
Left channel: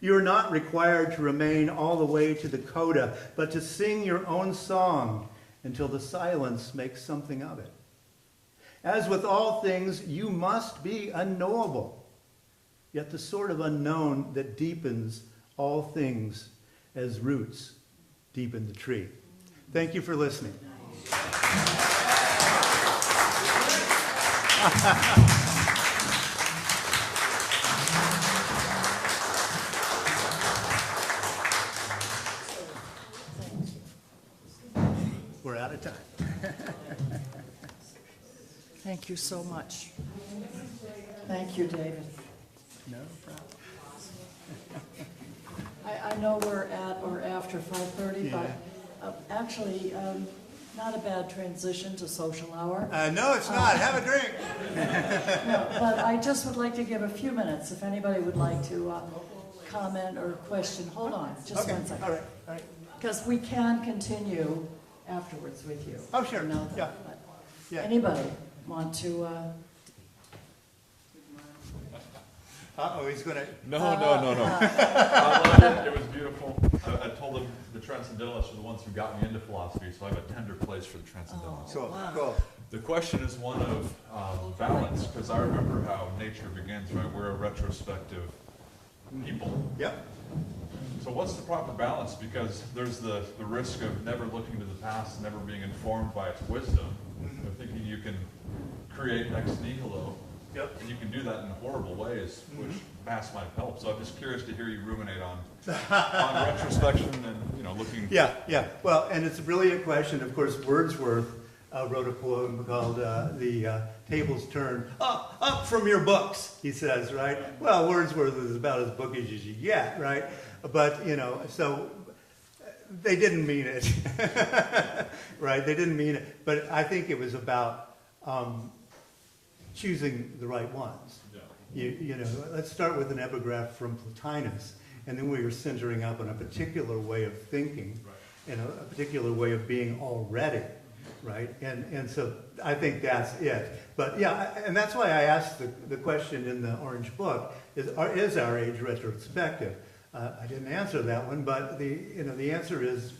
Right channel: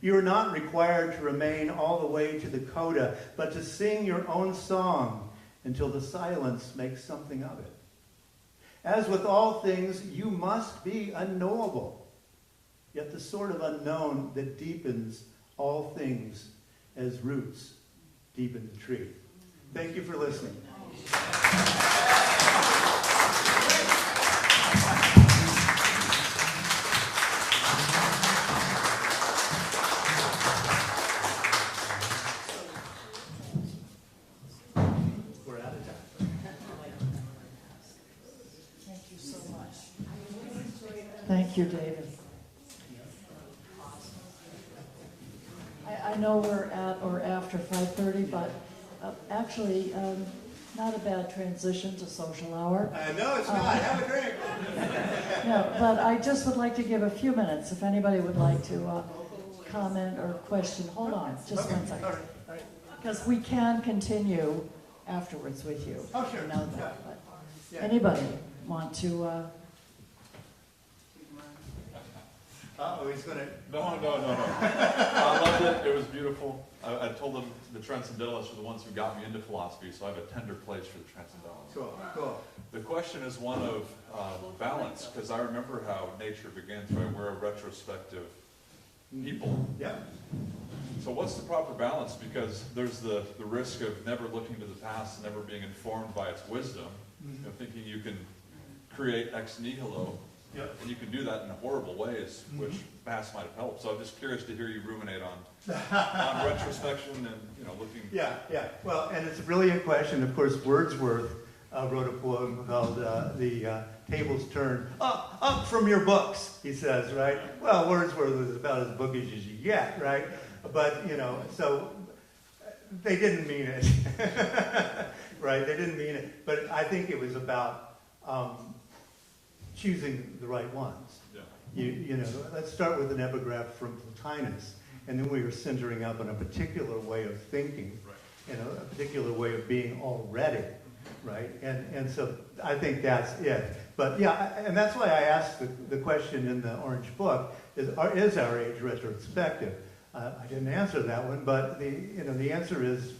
You are not required to remain all the way to the coda, but to sing your own song until the silence makes something of it. As with all things, you must be unknowable, yet the sort of unknown that deepens all things as roots deepen the tree. Thank you for listening. We're out of time. Thank you so much. Thank you, David. No? I know we're at or after 5:30, but Actually, not a bad transition to social hour. No, it's not. Have a drink. No, but I just would like to give a few minutes if anybody would like to comment or question. Hold on, just Okay. one second. All right. All right. Because we can continue afterwards with you. Oh, sure. You know that, Yeah. but Yeah. Anybody want to? Uh-oh, he's going to... No. I loved it. It was beautiful. I told them the Transcendentalists are the ones who got me into philosophy, so I have a tender place for the Transcendentalists. Cool, cool. The question is one of balance, because I remember how nature begins, right? We're a retrospective people. Yeah. So what's the proper balance? Because there's the risk of never looking to the past, never being informed by its wisdom, thinking you can create ex nihilo. Yep. And you can do that in horrible ways, which mass might help. So I'm just curious to hear you ruminate on retrospection and looking. Yeah, yeah. Well, and it's a brilliant question. Of course, Wordsworth wrote a poem called "The Tables Turn Up from Your Books." He says, right? Well, Wordsworth is about as bookish as you get, right? But so they didn't mean it, right? They didn't mean it. But I think it was about choosing the right ones. Yeah. Let's start with an epigraph from Plotinus, and then we were centering up on a particular way of thinking, Right. and a particular way of being already, right? And so I think that's it. But yeah, and that's why I asked the question in the Orange Book: is our age retrospective? I didn't answer that one, but the answer is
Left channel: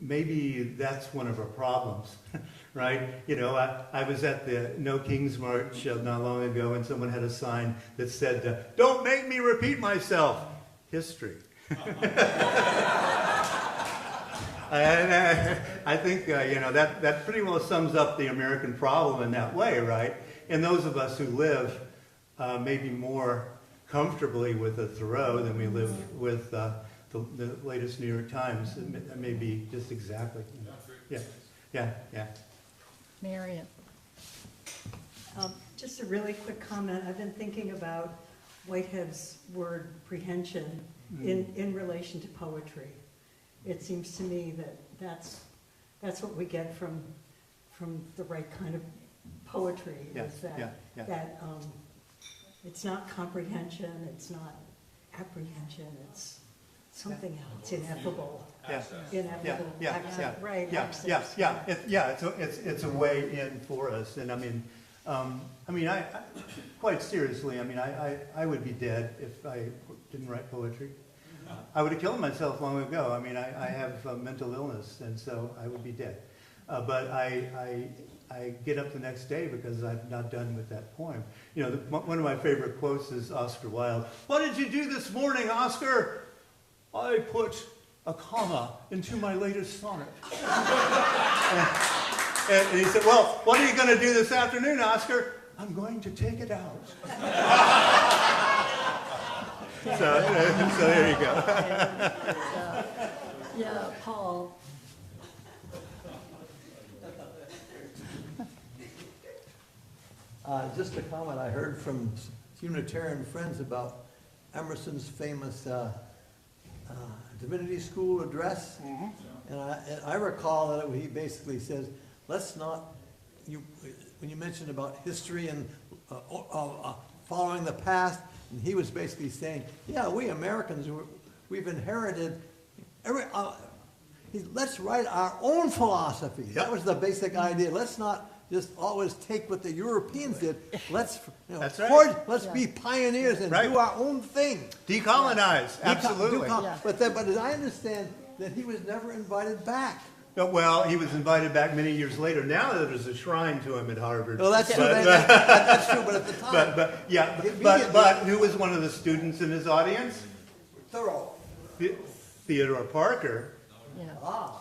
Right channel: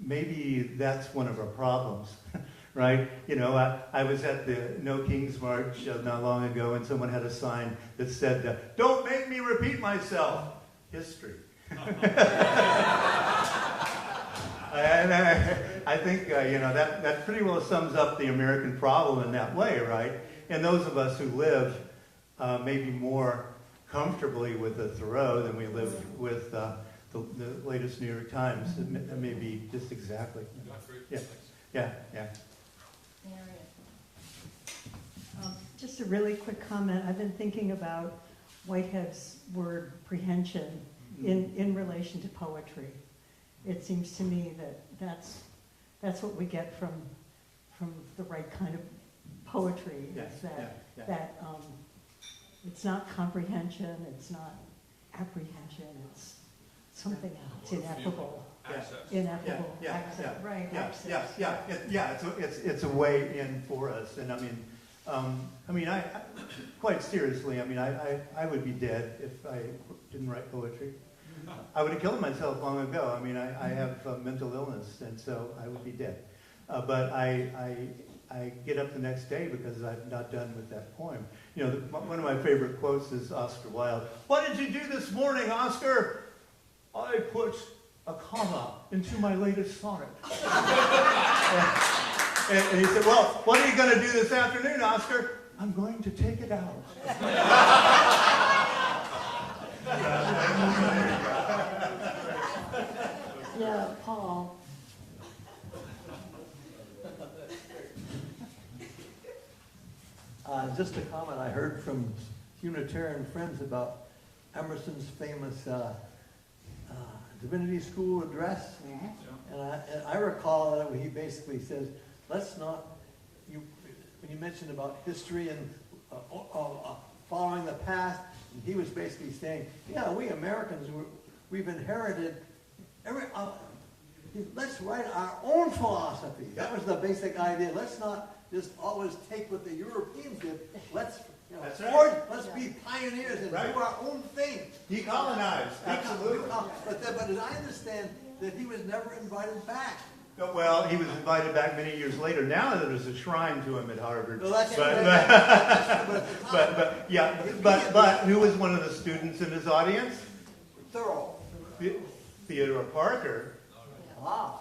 maybe that's one of our problems. Right? I was at the No Kings March not long ago, and someone had a sign that said, "Don't make me repeat myself. History." And I think, that pretty well sums up the American problem in that way, right? And those of us who live maybe more comfortably with the Thoreau than we live with the latest New York Times, it may be just exactly. Yeah. Marion. Just a really quick comment. I've been thinking about Whitehead's word prehension in relation to poetry. It seems to me that that's what we get from the right kind of poetry. Yeah, is that, yeah. that it's not comprehension, it's not apprehension, it's something else, ineffable. Ineffable accent, right? It's a way in for us, and I quite seriously, I would be dead if I didn't write poetry. I would have killed myself long ago. I have mental illness, and so I would be dead. But I get up the next day because I'm not done with that poem. One of my favorite quotes is Oscar Wilde. "What did you do this morning, Oscar?" "I put a comma into my latest sonnet." And he said, "Well, what are you going to do this afternoon, Oscar?" "I'm going to take it out." So there you go. Yeah, Paul. Just a comment I heard from Unitarian friends about Emerson's famous Divinity School address. And I recall that he basically says, let's not, when you mentioned about history and following the past, and he was basically saying, yeah, we Americans, we've inherited let's write our own philosophy. That was the basic idea. Let's not just always take what the Europeans did. Let's That's right. let's be pioneers and Right. do our own thing. Decolonize, absolutely. But as I understand that he was never invited back. Well, he was invited back many years later. Now there's a shrine to him at Harvard. Well, that's true. But- That's true. But at the time, but who was one of the students in his audience? thorough. Theodore Parker, Yeah.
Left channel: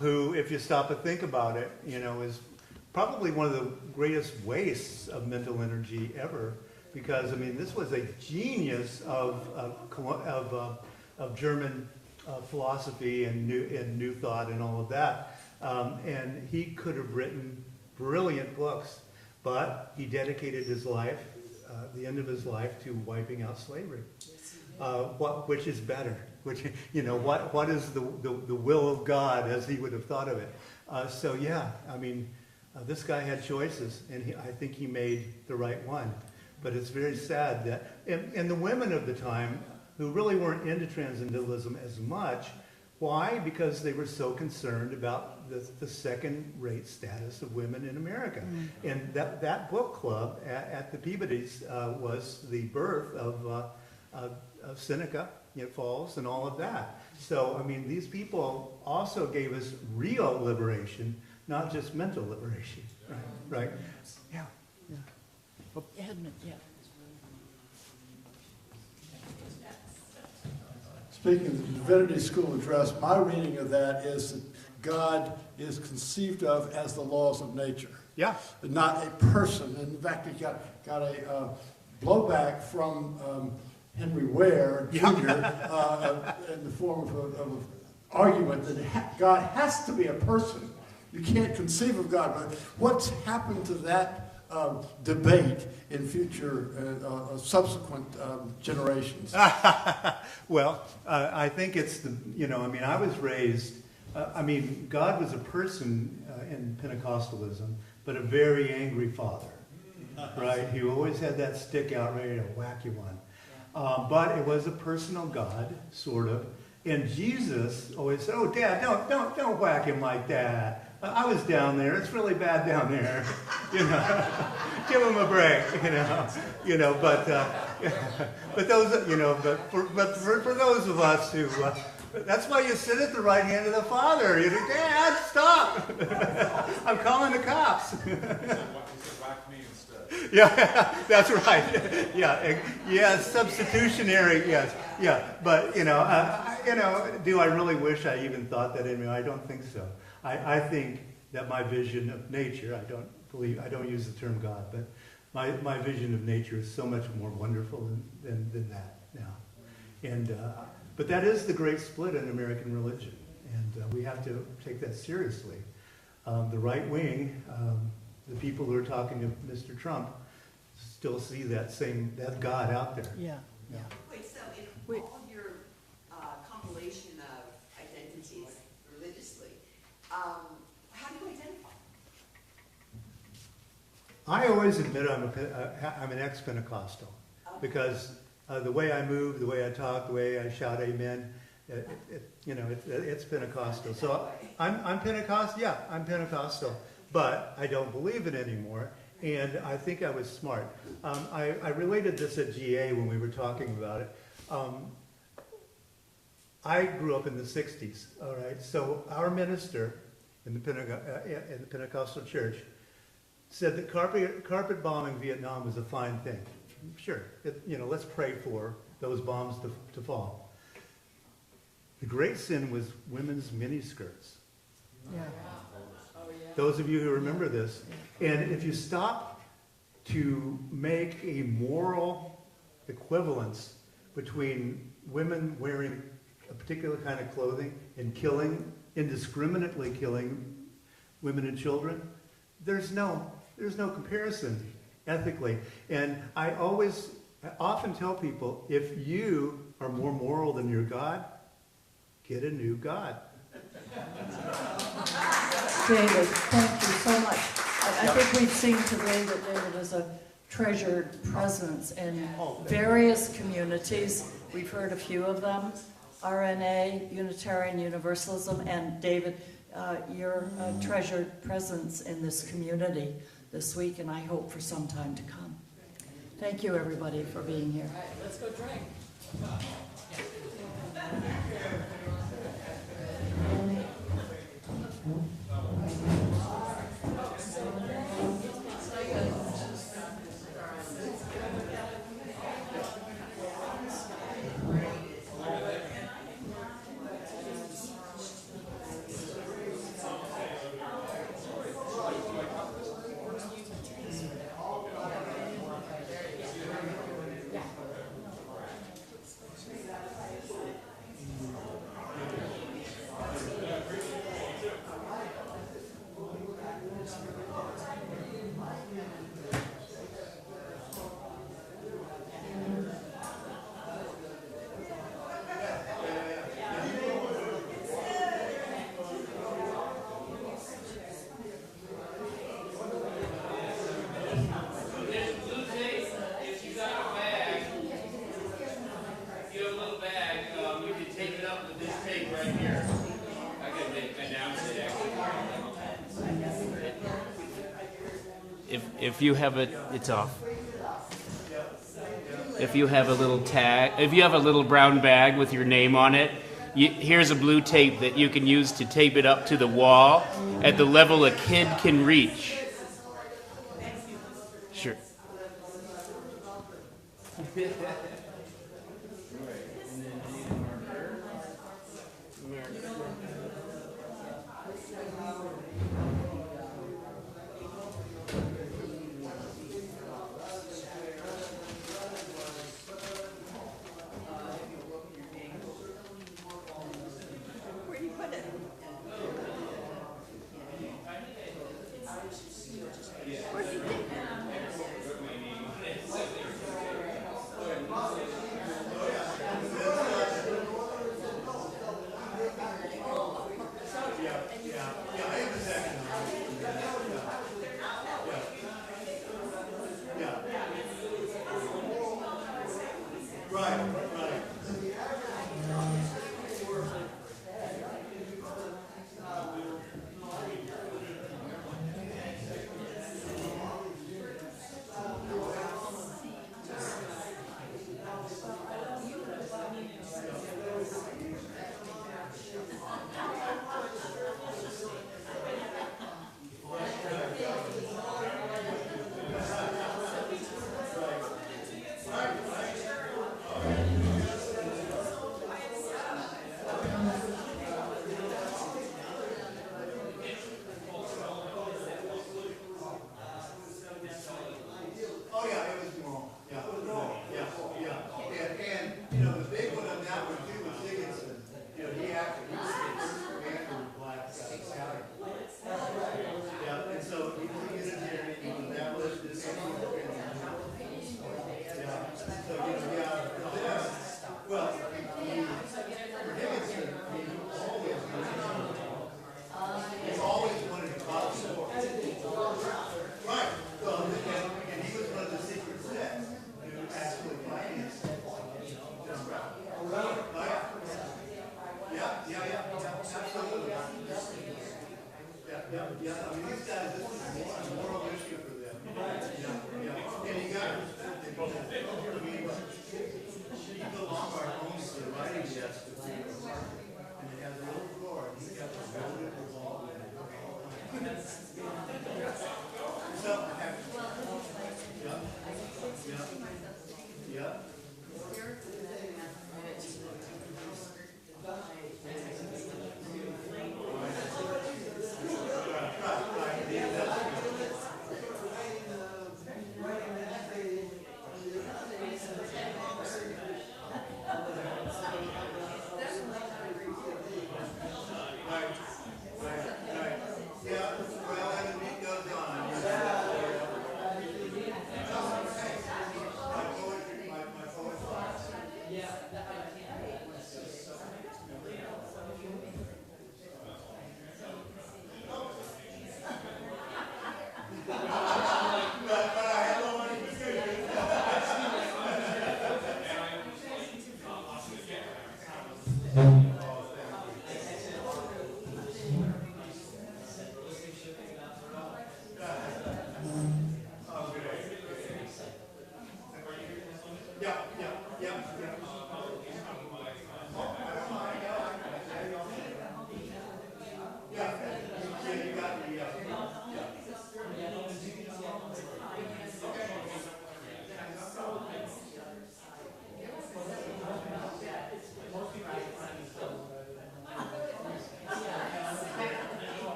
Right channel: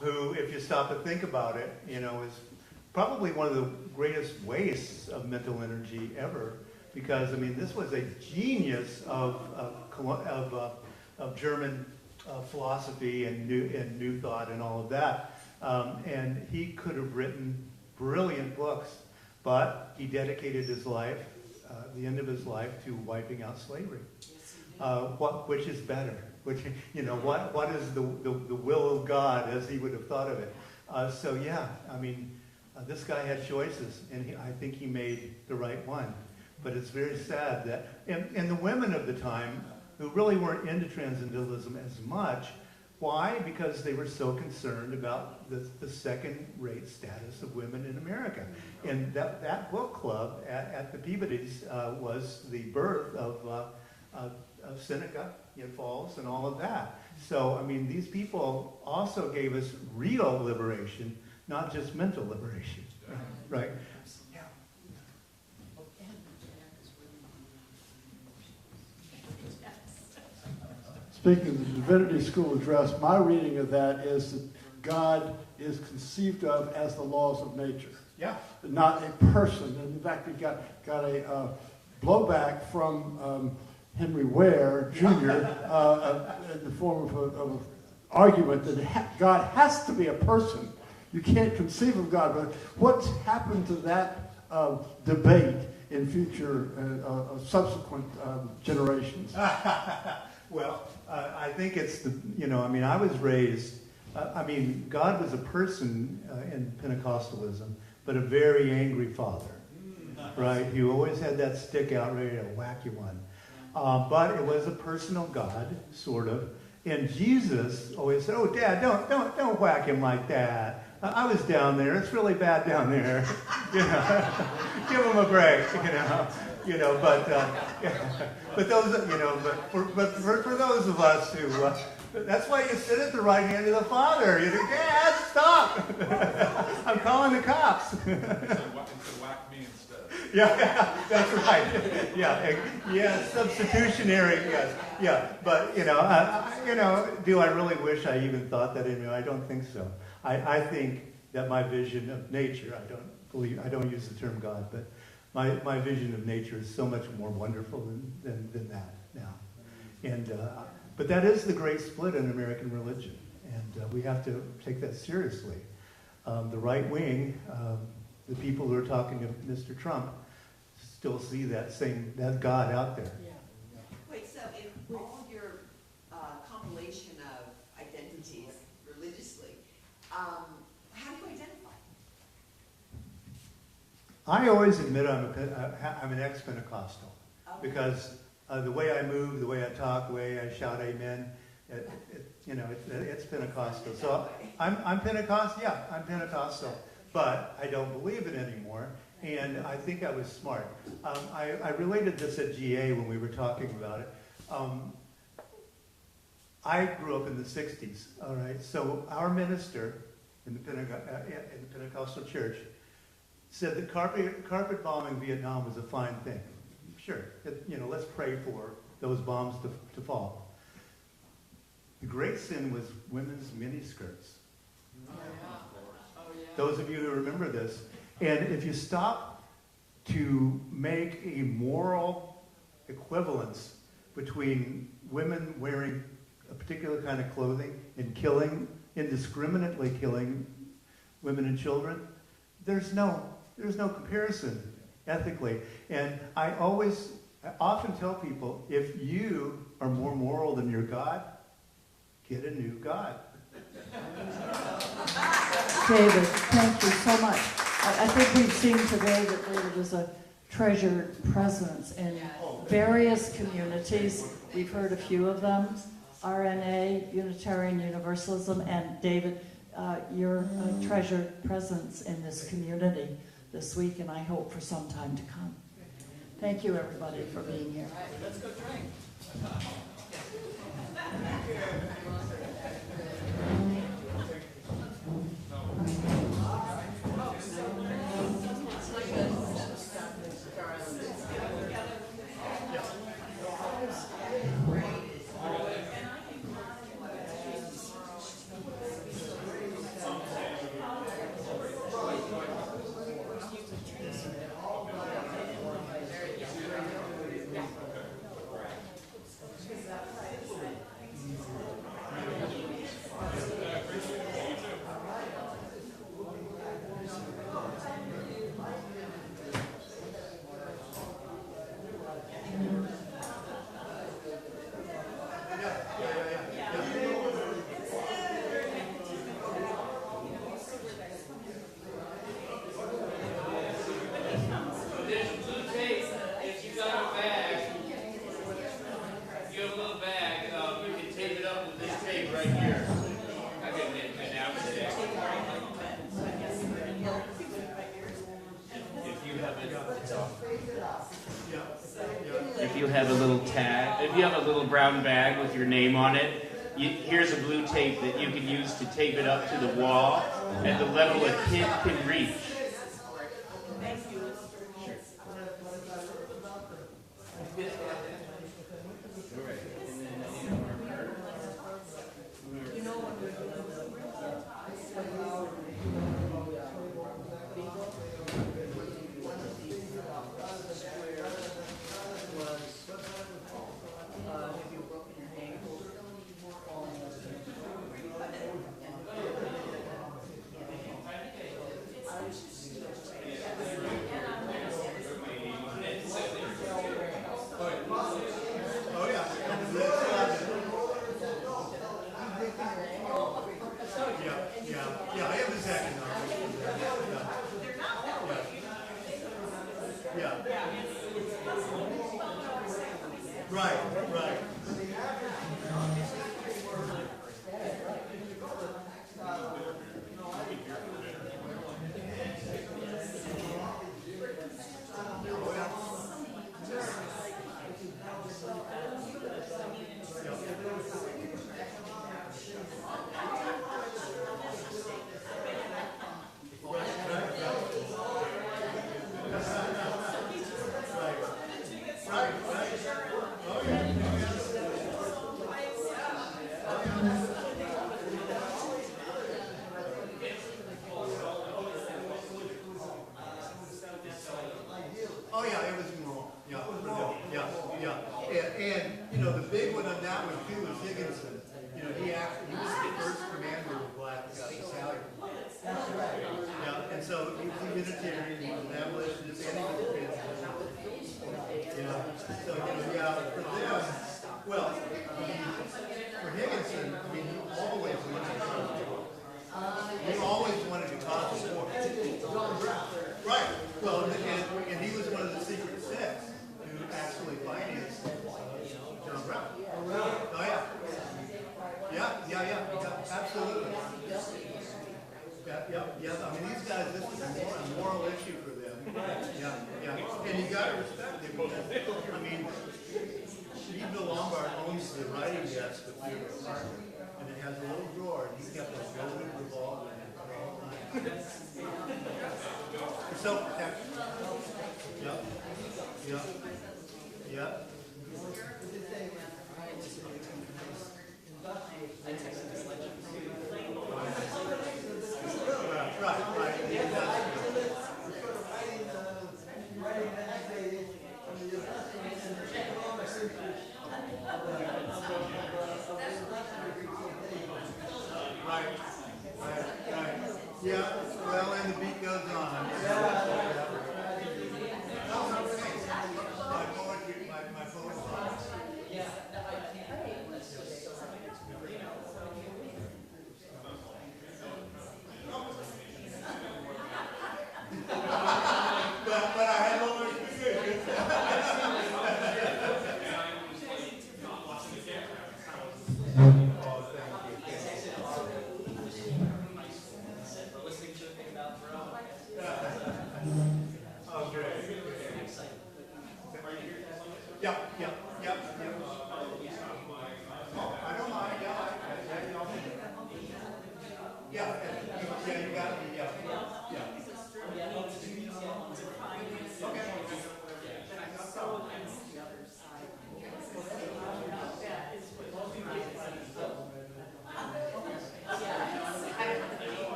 who, if you stop and think about it, is probably one of the greatest wastes of mental energy ever. Because this was a genius of German philosophy and new thought and all of that. And he could have written brilliant books, but he dedicated his life, the end of his life, to wiping out slavery. which is better? Which, you know, what is the will of God as he would have thought of it? So yeah, I mean, this guy had choices, and I think he made the right one. But it's very sad that, and the women of the time, who really weren't into transcendentalism as much, why? Because they were so concerned about the second-rate status of women in America. And that book club at the Peabody's was the birth of Seneca, Falls, and all of that. So, I mean, these people also gave us real liberation, not just mental liberation, right? Yeah. Edmund, yeah. Speaking of the Divinity School Address, my reading of that is that God is conceived of as the laws of nature, Yeah. not a person. And in fact, we got a blowback from Henry Ware Jr. In the form of an argument that God has to be a person. You can't conceive of God. But what's happened to that debate in future subsequent generations? Well, I think it's I was raised, God was a person in Pentecostalism, but a very angry father, right? He always had that stick out ready to whack you one. But it was a personal God, sort of. And Jesus always said, "Oh, Dad, don't whack him like that. I was down there. It's really bad down there. Give him a break. But those, but for those of us who, that's why you sit at the right hand of the Father. You think, Dad, stop! I'm calling the cops." Whack me instead. Yeah, that's right. Yeah, substitutionary. Yes, yeah. But do I really wish I even thought that anyway? I don't think so. I think that my vision of nature, I don't use the term God, but my vision of nature is so much more wonderful than that now. And but that is the great split in American religion, and we have to take that seriously. The right wing, the people who are talking to Mr. Trump, still see that God out there. Yeah. Wait, so in all of your compilation of identities religiously, how do you identify? I always admit I'm an ex-Pentecostal, because the way I move, the way I talk, the way I shout amen, it's Pentecostal. So I'm Pentecostal, yeah, I'm Pentecostal, but I don't believe it anymore, and I think I was smart. I related this at GA when we were talking about it. I grew up in the 60s, all right, so our minister in the Pentecostal church said that carpet bombing Vietnam was a fine thing. Sure, let's pray for those bombs to fall. The great sin was women's miniskirts. Yeah. Those of you who remember this. And if you stop to make a moral equivalence between women wearing a particular kind of clothing and indiscriminately killing women and children, there's no comparison ethically. And I often tell people, if you are more moral than your God, get a new God. David, thank you so much. I think we've seen today that David is a treasured presence in various communities. We've heard a few of them, RNA, Unitarian Universalism, and David, you're a treasured presence in this community this week, and I hope for some time to come. Thank you, everybody, for being here. All right, let's go drink. If you have it, it's off. If you have a little tag, if you have a little brown bag with your name on it, here's a blue tape that you can use to tape it up to the wall at the level a kid can reach. Sure. Right, right. Oh, yeah, it was moral. Yeah, yeah, yeah. And, you know, the big one on that one too was Higginson. You know, he actually, he was the first commander of Black Battalion. Yeah, and so he was a Unitarian, he was established this. Yeah, so, you know, yeah, for them, well, for Higginson, I mean, he always wanted to cause war. Right, well, and he was one of the secret six who actually financed John Brown. Oh, yeah. Yeah, absolutely. Yeah, I mean, these guys, this is a moral issue for them. Yeah. And you gotta respect it. I mean, he no longer owns the writing desk of the apartment, and it has a little drawer, and he's got this loaded revolver in it. Self-protection. Yeah. Yeah.